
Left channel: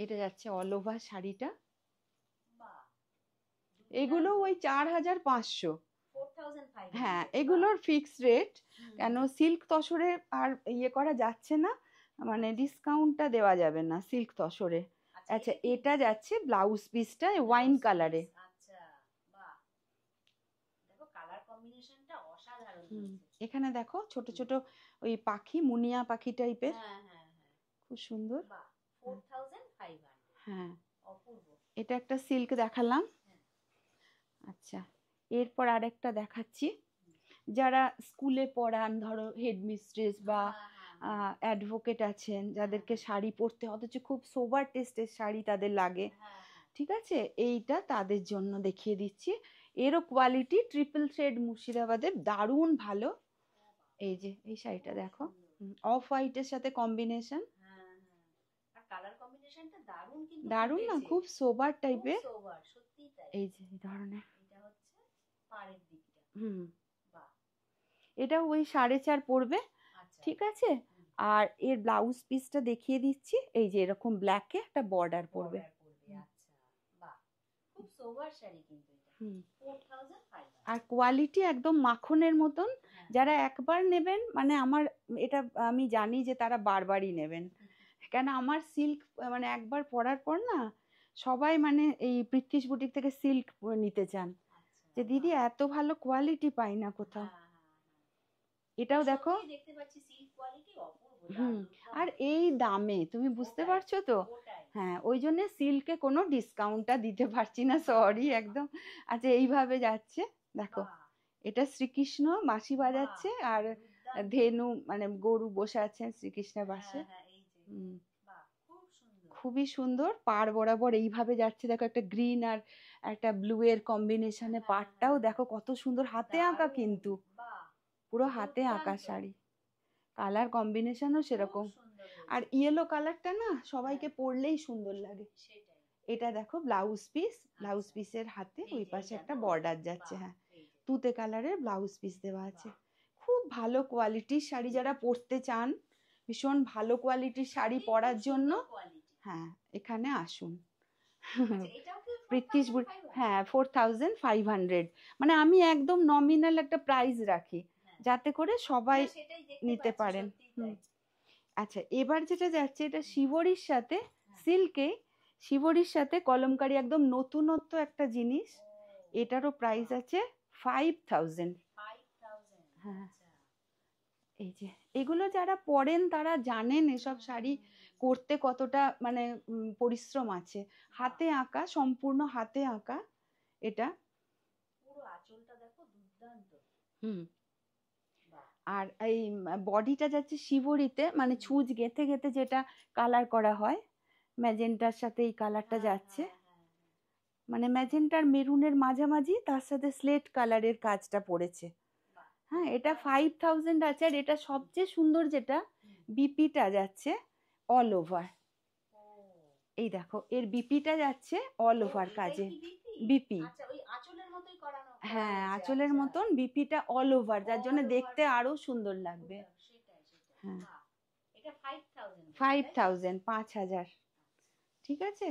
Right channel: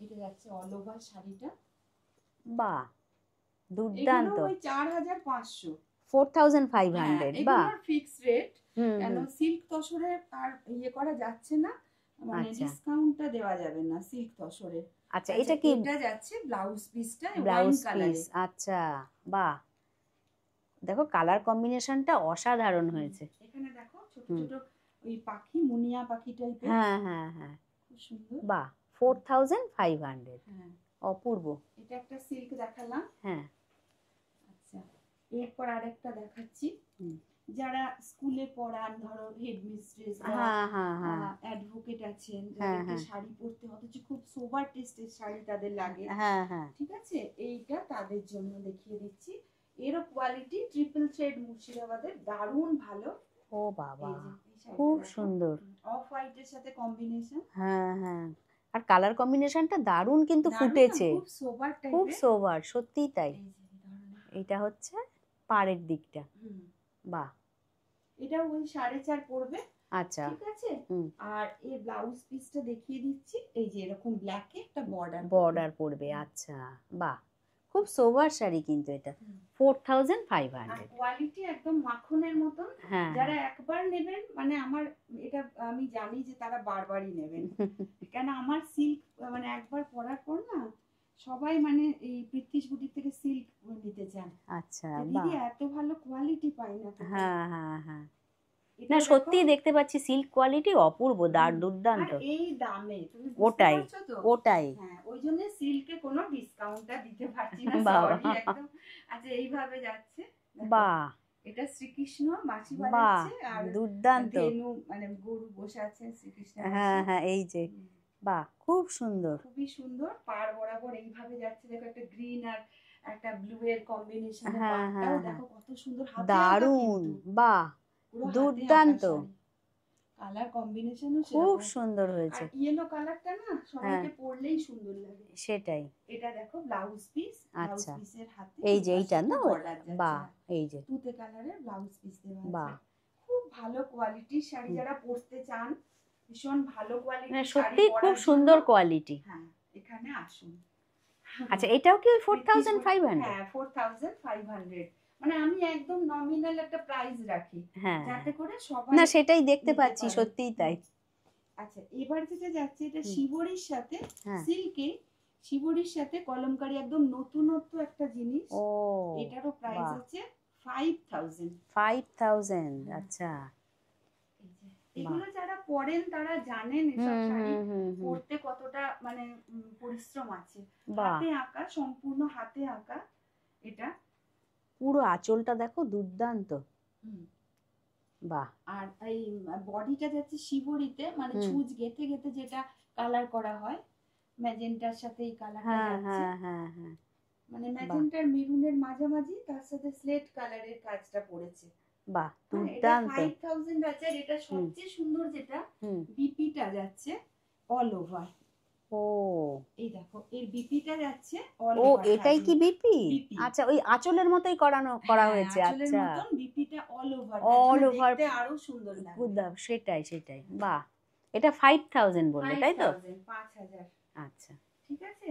এটা যাচ্ছে অল ওভার শাড়িটা। বাহ এগুলো দুর্দান্ত। ওই 4500। হ্যাঁ, 4500 বাহ। এগুলোর ফিক্স রেট, হুম কেন হুম সিল্ক তসরে আর ইয়ে করা যাচ্ছে না, মানে আচ্ছা ডিসকাউন্টটা দেওয়া যাবে না সিল্ক তসরে। আচ্ছা আচ্ছা, এটা কি এটা যাচ্ছে ব্লাউজ পিসটা ওয়াইন ব্লাউজ কালারে। পিস? আচ্ছা বাহ দেখো কালার কম্বিনেশনটা অসাধারণ হয়েছে। এখানে দেখো ছোট হুম ছোট ওই পাখি, মুনিয়া পাখি টাইপের, হ্যাঁ হ্যাঁ হ্যাঁ খুব সুন্দর। বাহ 4500 হ্যাঁ, অপূর্ব। এটা একটা সিল্ক দেখালাম। হ্যাঁ আচ্ছা, এরপর আরেকটা দেখাচ্ছি, হুম, যারা স্কুলে পড়ান, ধরো হেডমিস্ট্রেস বা হ্যাঁ হ্যাঁ হ্যাঁ অ্যাডভোকেট আছেন, হ্যাঁ যাদেরকে হ্যাঁ শাড়ি পরতে অথচ খুব সোবার টেস্টের শাড়ি তাদের লাগে, হ্যাঁ হ্যাঁ ঠিক আছে, এইটা তাদের জন্য দেখিয়ে দিচ্ছি। এরও কোয়ালিটি ট্রিপল শেড মুর্শিদাবাদের, দারুণ ভালো। ও বাবা এই যে এই শাড়িটা খুব দেখো, সুন্দর। অফ হোয়াইটের সাথে কম্বিনেশন, হ্যাঁ হ্যাঁ আর কালার কম্বিনেশনটা দারুণ কিন্তু দারুণ না, ফুটেছে, খুব সোবার খুব টাইপের। সোবার সত্যিই তাই। এই যে এই ধরনের, এটা হচ্ছে পাড়ের দিকটা, হুম, বাহ এটা ওই 4.5 পড়বে। আচ্ছা ঠিক আছে, হুম আর এর ব্লাউজ পিসটা দেখিয়ে দিচ্ছি, এই যে এরকম ব্ল্যাকে একটা বর্ডার বর্ডার পড়বে, আচ্ছা বাহ খুব সোবার শাড়ি কিন্তু এটা আর 4500। কোয়ালিটি একদম মাখনের মতন। হ্যাঁ যারা একবার নেবেন, মানে আমার এটা আমি জানি যে তারা বারবারই নেবেন, কেন আমার সিল্ক মানে একবার পরার পর না সবাই মানে এই পৃথ্বীশ বুটিক থেকে সিল্ক নিতে চান, আচ্ছা যে দিদি বাহ এত ভালো কোয়ালিটি পাই না কোথাও। হ্যাঁ হ্যাঁ হ্যাঁ না এটাও দেখো, সত্যি দেখতে পাচ্ছি সিল্ক কোয়ালিটি অপূর্ব, আর দুর্দান্ত। এই দামে তুমি বুঝতে ওটাই পারছো তো। ওটাই হ্যাঁ, ওই জন্য সিল্কে কোনো ডিসকাউন্টটা দিতে পারছি না, বাবা সরি একদম। আচ্ছা, এইভাবে যাচ্ছে দেখো, বাহ এটা শ্রীকৃষ্ণ বাঁশি বাহ বাজাচ্ছে, আর দুর্দান্ত। ধেনু মানে গরু বসে আছে শ্রীকৃষ্ণের হ্যাঁ পাশে। হ্যাঁ এই যে হুম, বাহ খুব সুন্দর। খুবই সুন্দর, পাড় বরাবর এইভাবে যাচ্ছে দেখো, একটা গ্রিন আর একটা ব্লু এর কম্বিনেশনে হ্যাঁ পাড়টাও হ্যাঁ হ্যাঁ দেখো কত সুন্দর, হাতে আঁকা দারুণ কিন্তু, বাহ পুরো হাতে আঁকা দুর্দান্ত। শাড়ি, কালার কম্বিনেশনও খুব সেরকম। সুন্দর আর হয়েছে। ইয়েলো কালারটা না হ্যাঁ সবাইকে পরলেই সুন্দর লাগে। সেটাই। এটা দেখো ব্লাউজ পিস, ব্লাউজ আচ্ছা পিসের হাতে এই ওই যে পাশে এইটা একটা না? বর্ডার যাচ্ছে। বাহ! হ্যাঁ, এই যে তুতে কালারের ব্লাউজ পিস দেওয়া আছে। বাহ! খুব ভালো কোয়ালিটির শাড়ি, হুম। যারা পরতে চান ভীষণ ভালো মানে কোয়ালিটির শাড়ি সত্যিই খুব পরার জন্য, সুন্দর কোয়ালিটি। হ্যাঁ এখানে আসুন। আচ্ছা এটাও কি ওই প্রীতিশ 4500? হ্যাঁ 4500, মানে আমি একদম নমিনাল একটা প্রাইস রাখি হ্যাঁ, যাতে হ্যাঁ। করে সবাই না সেটাই দেখতে নিতে পাচ্ছি, পারেন। সত্যিই তাই। আচ্ছা এবার যেটা যাচ্ছে এটা হুম। শিবরির সাথে হ্যাঁ। সিল্কে, শিবরির সাথে কলমকারি, একদম নতুনত্ব একটা জিনিস। ও এটারও প্রাইস বাহ! আছে 5000। 5000 হ্যাঁ আচ্ছা। এই যে বাহ! এগুলো যারা পরেন তারা জানেন এসব হুম, শাড়ি হুম, হুম, হুম। পরতে কতটা মানে পরিশ্রম আছে। বাহ! হাতে আঁকা, সম্পূর্ণ হাতে আঁকা এটা। পুরো আঁচলটা দেখো দুর্দান্ত। হুম। বাহ! আর এই বডিটা যাচ্ছে শিবরিতে, মানে হুম। ছুঁচ গেঁথে গেঁথে যেটা কালার করা হয়, ম্যাজেন্টার সাথে এই কালারটা হ্যাঁ, যাচ্ছে। হ্যাঁ, হ্যাঁ, হ্যাঁ। মানে বাহ! ম্যাজেন্টার মেরুনের মাঝামাঝি, তার সাথে স্লেট কালারের কাজটা পড়েছে। বাহ! হ্যাঁ এটা দুর্দান্ত। 5000 আছে। আর এটা হুম, সবচেয়ে সুন্দর যেটা, হুম। বিপিটা যাচ্ছে অল ওভার। ও! এই দেখো এর বিপিটা যাচ্ছে অল ও ওভার এটাই কাজে। কি বিপি? বিপি, আচ্ছা ওই আঁচলের মতোই করা হ্যাঁ হয়েছে। আঁচলের আচ্ছা। মতন বিপিটা অল ওভার, যার অল জন্য ওভার দেখতে আরো সুন্দর লাগবে। সেটাই, সেটাই। হ্যাঁ বাহ! এটা 5000 বললে, তাই তো? 5000, 5000। আচ্ছা। ঠিক আছে,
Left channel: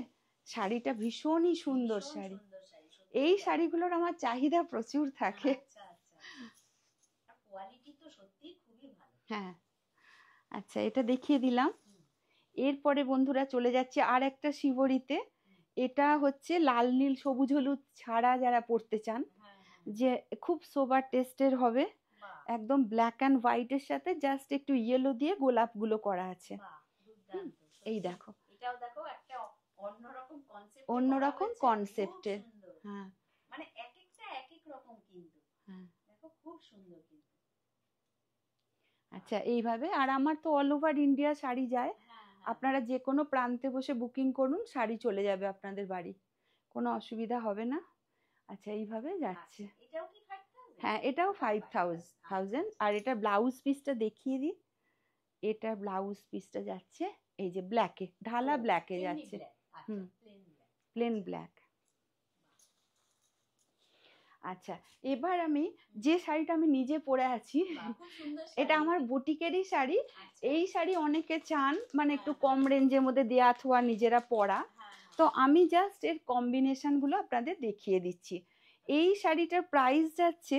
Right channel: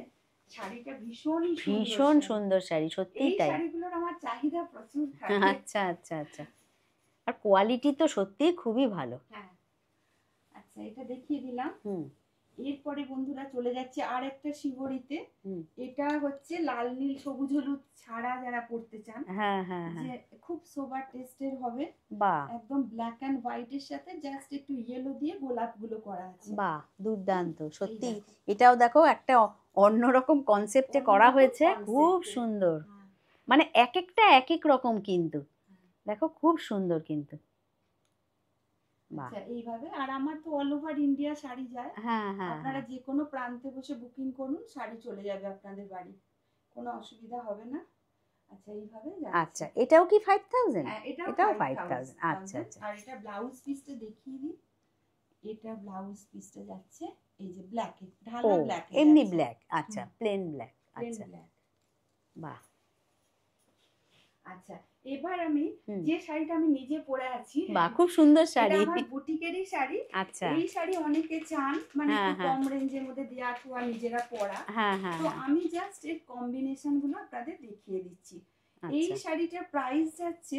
শাড়িটা ভীষণই সুন্দর ভীষণ শাড়ি। সুন্দর শাড়ি, সত্যিই এই তাই। শাড়িগুলোর আমার চাহিদা প্রচুর থাকে। আচ্ছা, আচ্ছা, আচ্ছা। আর কোয়ালিটি তো সত্যিই খুবই ভালো। হ্যাঁ আচ্ছা এটা দেখিয়ে দিলাম। হুম, এরপরে বন্ধুরা চলে যাচ্ছে আর একটা শিবরিতে। হুম। এটা হচ্ছে লাল নীল সবুজ হলুদ ছাড়া যারা পড়তে চান, হ্যাঁ, হ্যাঁ, যে হ্যাঁ। খুব সোবার টেস্টের হবে, বাহ! একদম ব্ল্যাক অ্যান্ড হোয়াইটের সাথে জাস্ট একটু ইয়েলো দিয়ে গোলাপগুলো করা আছে। বাহ! হুম, দুর্দান্ত। এই সত্যি দেখো এটাও দেখো একটা অন্যরকম কনসেপ্টে করা অন্যরকম হয়েছে। খুব কনসেপ্টের। সুন্দর। হ্যাঁ মানে একেকটা একেক রকম কিন্তু। হ্যাঁ। দেখো খুব সুন্দর কিন্তু। বাহ! আচ্ছা এইভাবে, আর আমার তো অল ওভার ইন্ডিয়া শাড়ি যায়। হ্যাঁ, হ্যাঁ, আপনারা হ্যাঁ। যে কোনো প্রান্তে বসে বুকিং করুন, শাড়ি চলে যাবে আপনাদের বাড়ি, কোনো অসুবিধা হবে না। আচ্ছা এইভাবে যাচ্ছে। আচ্ছা এটাও কি 5000? হ্যাঁ এটাও এটাও 5000। 5000 আচ্ছা, আচ্ছা। আর এটা ব্লাউজ পিসটা দেখিয়ে দিই। এটা ব্লাউজ পিসটা যাচ্ছে এই যে ব্ল্যাকে, ও ঢালা ব্ল্যাকে এমনি যাচ্ছে। ব্ল্যাক। আচ্ছা হুম, প্লেন ব্ল্যাক। প্লেন আচ্ছা। ব্ল্যাক। বাহ! আচ্ছা এবার আমি হুম। যে শাড়িটা আমি নিজে পরে আছি, বাহ! খুব সুন্দর এটা শাড়ি। আমার বুটিকেরই শাড়ি। আচ্ছা। এই শাড়ি অনেকে চান, মানে হ্যাঁ, একটু হ্যাঁ। কম রেঞ্জের মধ্যে দেয়া থোয়া নিজেরা পরা। হ্যাঁ, হ্যাঁ, তো হ্যাঁ। আমি জাস্ট এর কম্বিনেশন গুলো আপনাদের দেখিয়ে দিচ্ছি। এই আচ্ছা। শাড়িটার প্রাইস যাচ্ছে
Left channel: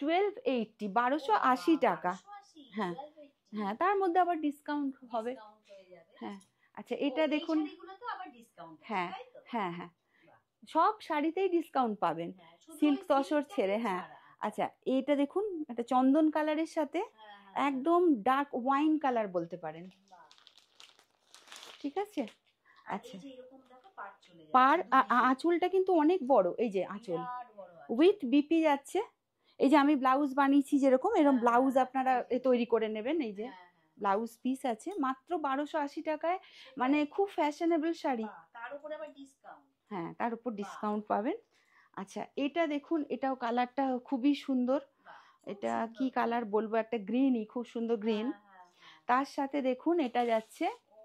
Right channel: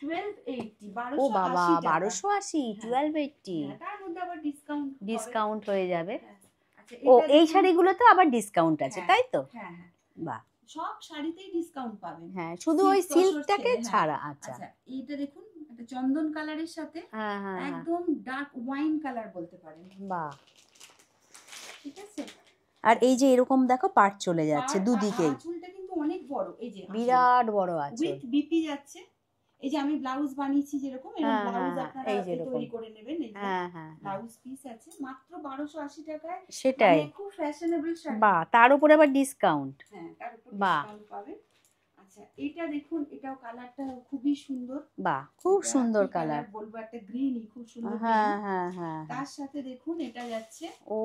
1280, ও বাবা! 1280 টাকা। 1280, হ্যাঁ 1280 হ্যাঁ, তার মধ্যে আবার ডিসকাউন্ট হবে। ডিসকাউন্ট হয়ে যাবে। হ্যাঁ আচ্ছা ও এটা এই দেখুন। শাড়িগুলোতে আবার ডিসকাউন্ট আছে, হ্যাঁ তাই তো? হ্যাঁ হ্যাঁ, বাহ! সব শাড়িতেই ডিসকাউন্ট পাবেন, হ্যাঁ, শুধু ওই সিল্ক তসর সিল্কটাকে ছেড়ে। হ্যাঁ ছাড়া। আচ্ছা। আচ্ছা এইটা দেখুন, একটা চন্দন কালারের সাথে হ্যাঁ, হ্যাঁ, হ্যাঁ। একদম ডার্ক ওয়াইন কালার বলতে পারেন। বাহ! ঠিক আছে। আর এই আচ্ছা যে এরকম দেখো পাড় চলে যাচ্ছে দুদিকেই। আঁচলটা কিন্তু অনেক বড়, এই যে আঁচল বিরাট বড় আঁচল। উইথ বিপি যাচ্ছে। এই যে আমি ব্লাউজ বানিয়েছি যেরকম, এরকম হ্যাঁ, ব্লাউজ হ্যাঁ, হ্যাঁ। আপনারা এই যে এরকম। তৈরি করে নেবেন। এই যে হ্যাঁ, হ্যাঁ, হ্যাঁ। ব্লাউজ পিস আছে মাত্র 1280 টাকায়, মানে সেটাই। খুব ফ্যাশনেবল শাড়ি। বাহ! তার উপরে আবার ডিসকাউন্ট। হ্যাঁ তার উপর বাহ! ডিসকাউন্ট পাবেন। আচ্ছা এটা দেখুন, এটাও কালারটা খুবই সুন্দর। বাহ! খুব এটা সুন্দর কি কালার। কালার বলবো, একটা গ্রিনই, খুব সুন্দর গ্রিন। হ্যাঁ, হ্যাঁ, হ্যাঁ, হ্যাঁ। তার সাথে দেখুন এটা যাচ্ছে ও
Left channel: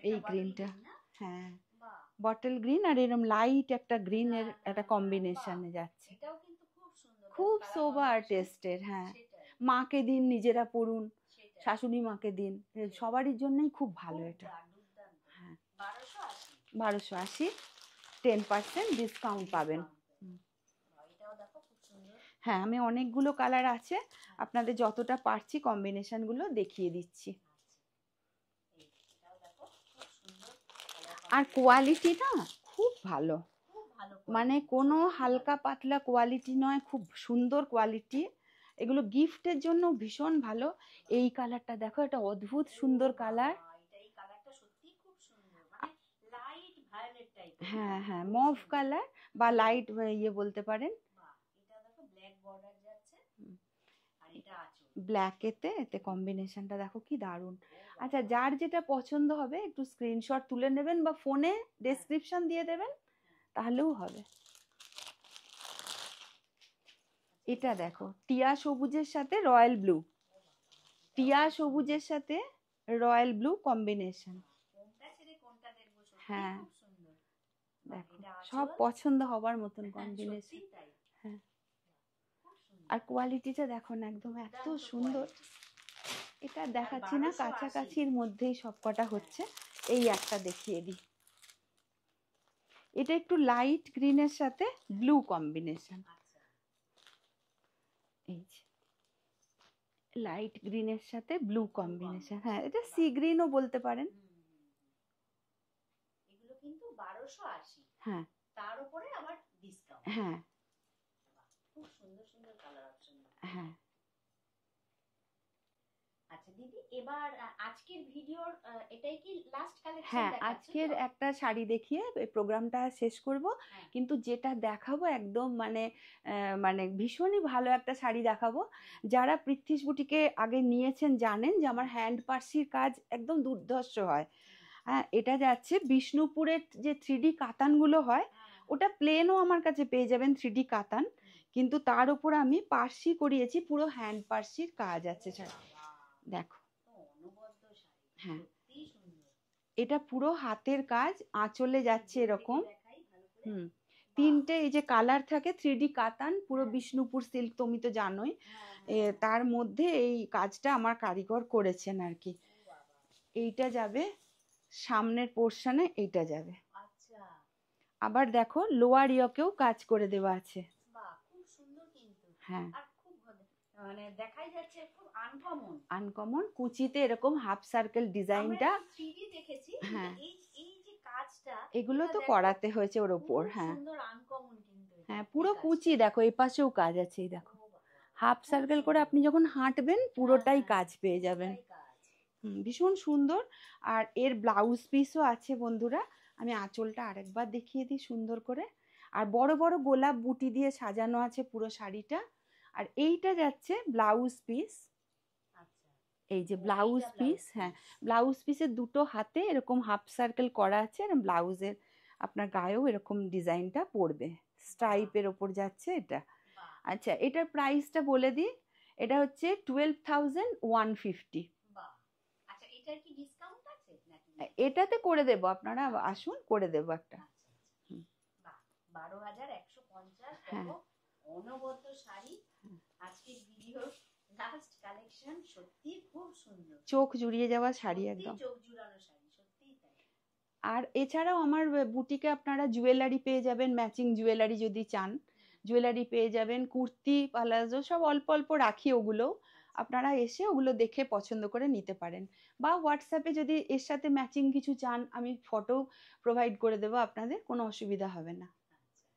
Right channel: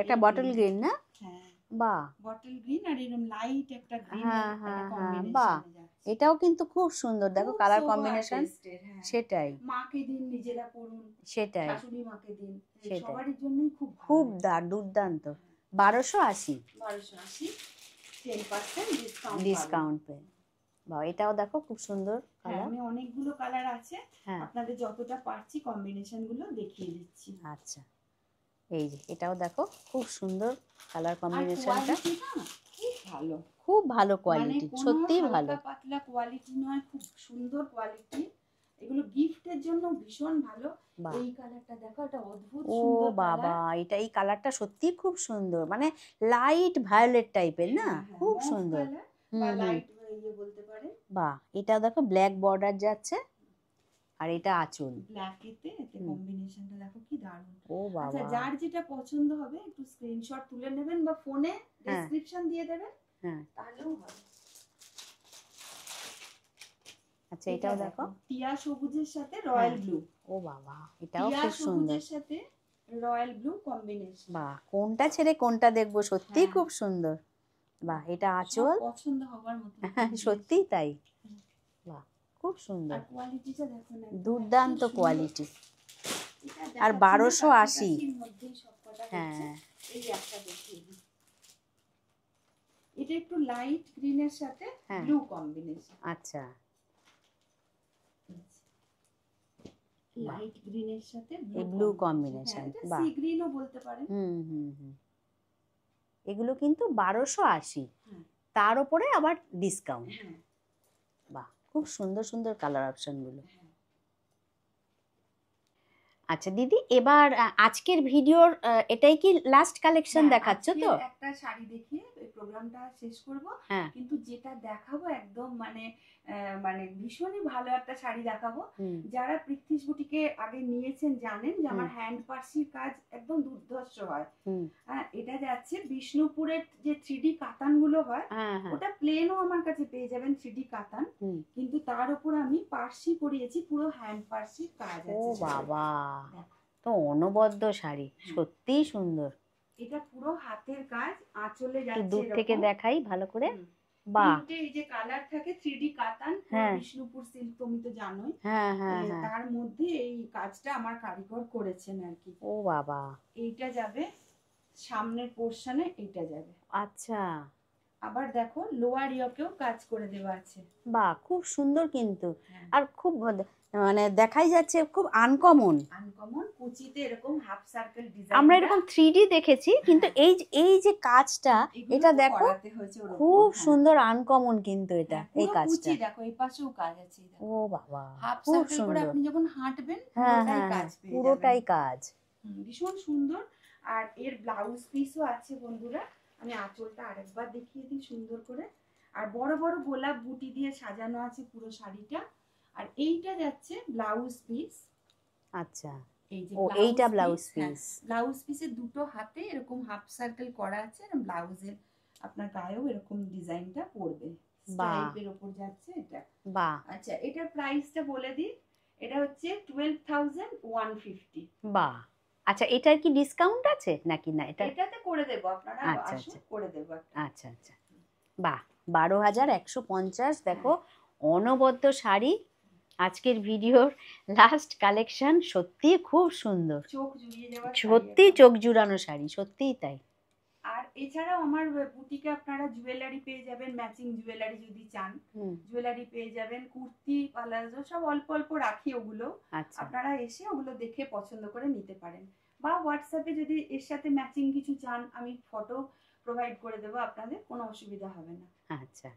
এটা এই বটল গ্রিনটা। গ্রিন না? হ্যাঁ বাহ! বটল গ্রিন, আর এরকম লাইট একটা গ্রিনের হ্যাঁ, একটা হ্যাঁ, হ্যাঁ। বাহ! কম্বিনেশনে যাচ্ছে। এটাও কিন্তু খুব সুন্দর। দেখো খুব কালার সোবার কম্বিনেশন। টেস্টের। হ্যাঁ সেটাই, মাকে দিন, নিজেরা পড়ুন, সেটাই, শাশুড়ি মাকে দিন, সেটাই। সবারই জন্যই খুব ভালো খুব এটা। দুর্দান্ত। হ্যাঁ 1280 1280, 10% ডিসকাউন্ট পাবেন। ডিসকাউন্ট পেয়ে। বাহ! এটাও দেখো খুব সুন্দর হ্যাঁ কালার। আমি অনেকগুলো কালার আছে, হ্যাঁ, আপনাদের যতটা পারছি কম্বিনেশন গুলো দেখিয়ে দিচ্ছি। আচ্ছা। এই যে এটাও দেখো খুব সুন্দর কালার আর কম্বিনেশনটা। কোয়ালিটি না খুব ভালো, খুব ভালো মানে কোয়ালিটি। কোনো সত্যিই ভালো। হালকা পাতলা কোয়ালিটি নয়, খুব সুন্দর কোয়ালিটি। এগুলো গিফটের জন্য ভীষণ ভালো। বাহ! এই কালারটা দেখো, একটা অদ্ভুত ও সুন্দর বাবা! কালার। এই কালারটা সত্যিই খুব সুন্দর। মানে লাইট ভায়োলেট টাইপের না? হ্যাঁ হ্যাঁ খুব মভ সুন্দর। কালার বা হুম, হুম। লাইট ইয়ে বলতে পারেন। বাহ! এটা দেখো ব্ল্যাক বর্ডার যাচ্ছে। আর এটা আঁচল। ব্ল্যাক এতে হুম। কম্বিনেশনটা দেখো কি দারুণ। ও আচ্ছা বাবা! যার যেটা পছন্দ হবে একটু স্ক্রিনশট তুলে নেবেন বা ফোনে হ্যাঁ, ডেসক্রিপশন দিয়ে দেবেন, হ্যাঁ। তাহলেও হবে। আচ্ছা এটা এটা দেখো, দেখো টিয়া সবুজের সাথে রয়্যাল হ্যাঁ। ব্লু, ও বাবা, এটাও টিয়া খুব সুন্দর। সবুজের সাথে রয়্যাল ব্লু কম্বিনেশন। বাহ, কোনটা ছেড়ে কোনটা দেখবো, সত্যিই হ্যাঁ খুব সুন্দর। বাহ, দেখো, এটা সব আঁচল। পছন্দ হবার মতন সত্যিই combination। তাই। হ্যাঁ। বাহ, খুব সুন্দর, আর কোয়ালিটিটা দেখো না, একদম এত দুর্দান্ত সুন্দর। কোয়ালিটি। এটা আর দেখাচ্ছি না, 1280। কাছাকাছির মধ্যেই সবকটা হচ্ছে। হ্যাঁ এই একটা দেখিয়ে দিই, এটা একটু লাইট গ্রিনের সাথে হ্যাঁ, ব্লু কম্বিনেশন। আচ্ছা। এই লাইট গ্রিনের সাথে ব্লু ব্লু কম্বিনেশন। হ্যাঁ, কম্বিনেশন, এটা বাহ। সি গ্রিনও বলতে পারেন। হুম হুম হুম। এগুলো কিন্তু 1280, হ্যাঁ তার উপরে আবার ডিসকাউন্ট। হ্যাঁ বাহ, খুব সুন্দর সুন্দর কালার অপশন গুলো। হ্যাঁ। আচ্ছা দিদি, এবার আজকের ভিডিওর এটাই কি লাস্ট কালেকশন হ্যাঁ, দেখাচ্ছ তো? আজকের একটা শাড়ি দেখিয়ে এই প্রোগ্রামটা শেষ করব। হ্যাঁ। কিন্তু যেটা দেখাবো একদম মানে ভীষণই ভালো একটা শাড়ি দেখাবো। হুম, যারা পৃথ্বীশ বুটিকে আগে নিয়েছেন জানেন যে আমার হুম। হ্যান্ড পার্সির কাজ একদম দুর্ধর্ষ হয়। হুম, হ্যাঁ, এটা যাচ্ছে বিষ্ণুপুরের যে 3D কাতানগুলো হয়, হ্যাঁ হ্যাঁ। ওটা প্লেনও আমার কাছে পেয়ে যাবেন 3D কাতান, হুম। কিন্তু তার উপর আমি পার্সি করিয়েছি, পুরো হ্যান্ড পার্সির কাজ ও আছে শাড়িতে। বাবা, দেখো, তো অনবদ্য শাড়ি, হ্যাঁ। সত্যিই সুন্দর। এটা পুরো হাতের কাজ, আঁচলে একটু যাচ্ছে দূর থেকে এরকম। দেখাই ভালো করে। হুম। বাহ, তিনটে এই যে কালার থাকে 3D কাতান, পুরো হ্যাঁ বিষ্ণুপুর সিল্ক তুমি তো জানোই। হ্যাঁ হ্যাঁ হ্যাঁ। তার মধ্যে এই কাজটা আমার কারিগর করেছেন আর কি। ও বাবা, এইটা যাবে সামনের পোর্শনে, এইটা যাবে। আচ্ছা। আবার দেখো লোয়ার ইয়োকেও কাজ করে দেওয়া আছে। বাহ, খুব সুন্দর কিন্তু। হ্যাঁ, আর খুব মানে দেখাই যাচ্ছে খুব আনকমন। আনকমন কুচিতে এরকম হাফ সার্কেল আমরা ডিজাইনটা। এরকম 3D দেখেছি, কিন্তু হ্যাঁ, এই যে কাজটা, এগুলো এটা তো দেখো করাতে হয়েছে ওর উপর। খুব হ্যাঁ সুন্দর আনকমন কিন্তু এটা, হ্যাঁ, এই পুরো কাজটা। কুচি দেখো, এই পাশেও কাজ আছে, এই ও দেখো বাবা, হাফ খুব সার্কেল করে সুন্দর। আপনি যখন হাঁটবেন হ্যাঁ পুরোটাই হ্যাঁ কাজ হ্যাঁ, পেয়ে যাবেন। পুরোটাই কাজ। ভীষণ সুন্দর। আর এর ব্লাউজ পিসও আছে বন্ধুরা, আমি আঁচলটা আরেকবার দেখিয়ে দিই সুন্দর করে। আর বড় বড় গোলাপ বুটি দিয়ে সাজানো আছে পুরো শাড়িটা। আর এইটা যাচ্ছে ব্লাউজ পিস। আচ্ছা, এই যে ও এইটা ব্লাউজ ব্লাউজ পিস। হ্যাঁ, পিস। ব্লাউজ পিসের দুটো হাতে এরকম হাফ সার্কেল করা আছে, আর ব্লাউজের আপনার গায়েও এরকম ডিজাইনটা পড়বে, স্ট্রাইপের ওপর যাচ্ছে এটা। বাহ আচ্ছা, এটার প্রাইসটা বলে দিই, এটা হচ্ছে 12,150। বাহ। আচ্ছা, এটার কি ডিসকাউন্ট আছে নাকি না? এটা এটাতে করে দেবো, আপনারা আচ্ছা আসুন আচ্ছা করে দেবো একটা। আচ্ছা আচ্ছা। বাহ, 12,150। হ্যাঁ। দেখো, অনবদ্য শাড়ি। আজকের ভিডিওর লাস্ট কালেকশন, সত্যি খুব সুন্দর, চোখ জুড়িয়ে যাওয়া শাড়ি সত্যি একদম। চোখ জুড়ানো শাড়ি, সত্যিই তাই। আর এছাড়াও আমার বুটিকে আপনারা জুয়েলারি পেয়ে যাবেন, ম্যাচিং জুয়েলারি যদি চান হুম, জুয়েলারি পেয়ে যাবেন, কুর্তি পালাজো সব অল্প অল্প রাখি, ওগুলো আচ্ছা আপনারা এসে ওগুলো দেখে পছন্দ করে নিতে পারেন। বা হোয়াটসঅ্যাপে যদি এর সাথে ম্যাচিং কিছু চান, আমি ফটো প্রোভাইড করে দেবো, আপনাদের কোনো অসুবিধা হবে না। আচ্ছা।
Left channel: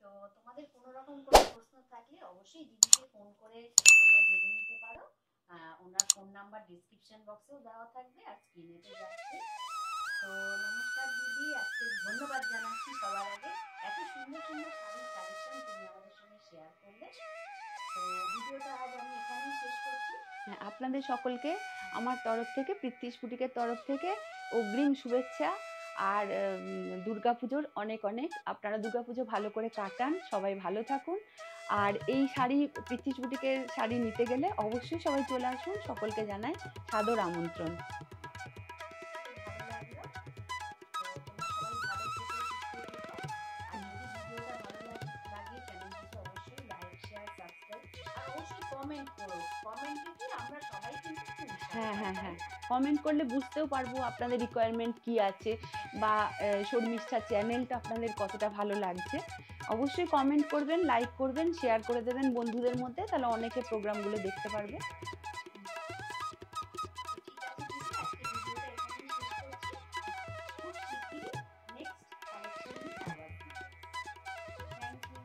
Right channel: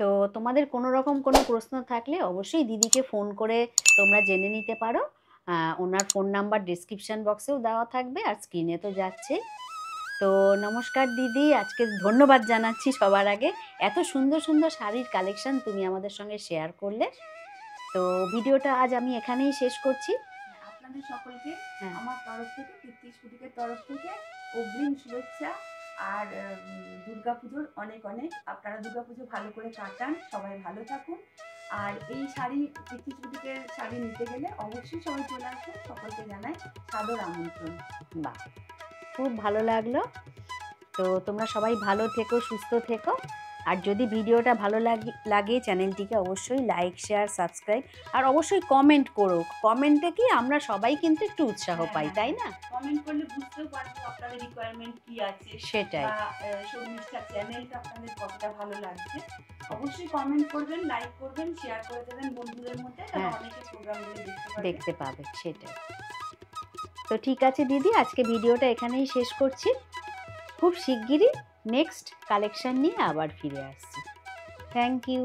তো তোমাদের কোনো রকম কোনো প্রশ্ন থাকলে অবশ্যই দিদিকে ফোন করে তোমরা জেনে নিতে পারো। ওনার ফোন নাম্বার ডিসক্রিপশন বক্সেও দেওয়া থাকবে, আর স্ক্রিনে তো যাচ্ছে। তো নমস্কার দিদি, আজকে ধন্যবাদ জানাচ্ছি সবার আগে, এত সুন্দর সুন্দর শাড়ির কালেকশন তুমি আমাদের সঙ্গে শেয়ার করলে। তো ভিডিওটা আজ আমি এখানেই শেষ করছি। হ্যাঁ, আপনাদের সকলকে হ্যাঁ। আমার তরফ থেকে, পৃথ্বীশ বুটিকের তরফ থেকে অগ্রিম শুভেচ্ছা। আর দুর্গাপুজোর অনেক অনেক, আপনারা দুর্গাপুজো ভালো করে কাটান, সবাই ভালো থাকুন। আর এই শাড়ি, পৃথ্বীশ বুটিকের শাড়ি নিতে গেলে অবশ্যই সবাই চলে আসুন, সকলকে জানাই সাদর আমন্ত্রণ। বাহ, খুব ভালো লাগলো। তো তোমরা সবাই ভালো থেকো, সুস্থ থেকো। আর যদি ভিডিওটা ভালো লাগে চ্যানেলটিকে অবশ্যই লাইক, শেয়ার, সাবস্ক্রাইব, আর অবশ্যই কমেন্ট করো। কমেন্টে কি আমরা সবাই কিন্তু একটু উৎসাহ পাই, তাই না? কমেন্ট করলে বুঝতেও পারবো আপনাদের রিকোয়ারমেন্ট কি আছে, সেটাই। বা শর্মিষ্ঠা চ্যানেলটা আপনাদের কতটা ভালো লাগছে। অবশ্যই কমেন্ট করবেন, লাইক করবেন, শেয়ার করে দেবেন বন্ধুদের মধ্যে, তাহলে হ্যাঁ, অনেকে প্রোগ্রামগুলো দেখতে পাবে, সেটাই। তো ঠিক আছে দিদি, আজকে ভিডিওটা এখানেই শেষ করছি। খুব শিগগিরই নেক্সট কালেকশন নিয়ে আবার ফিরে আসছি। Thank you.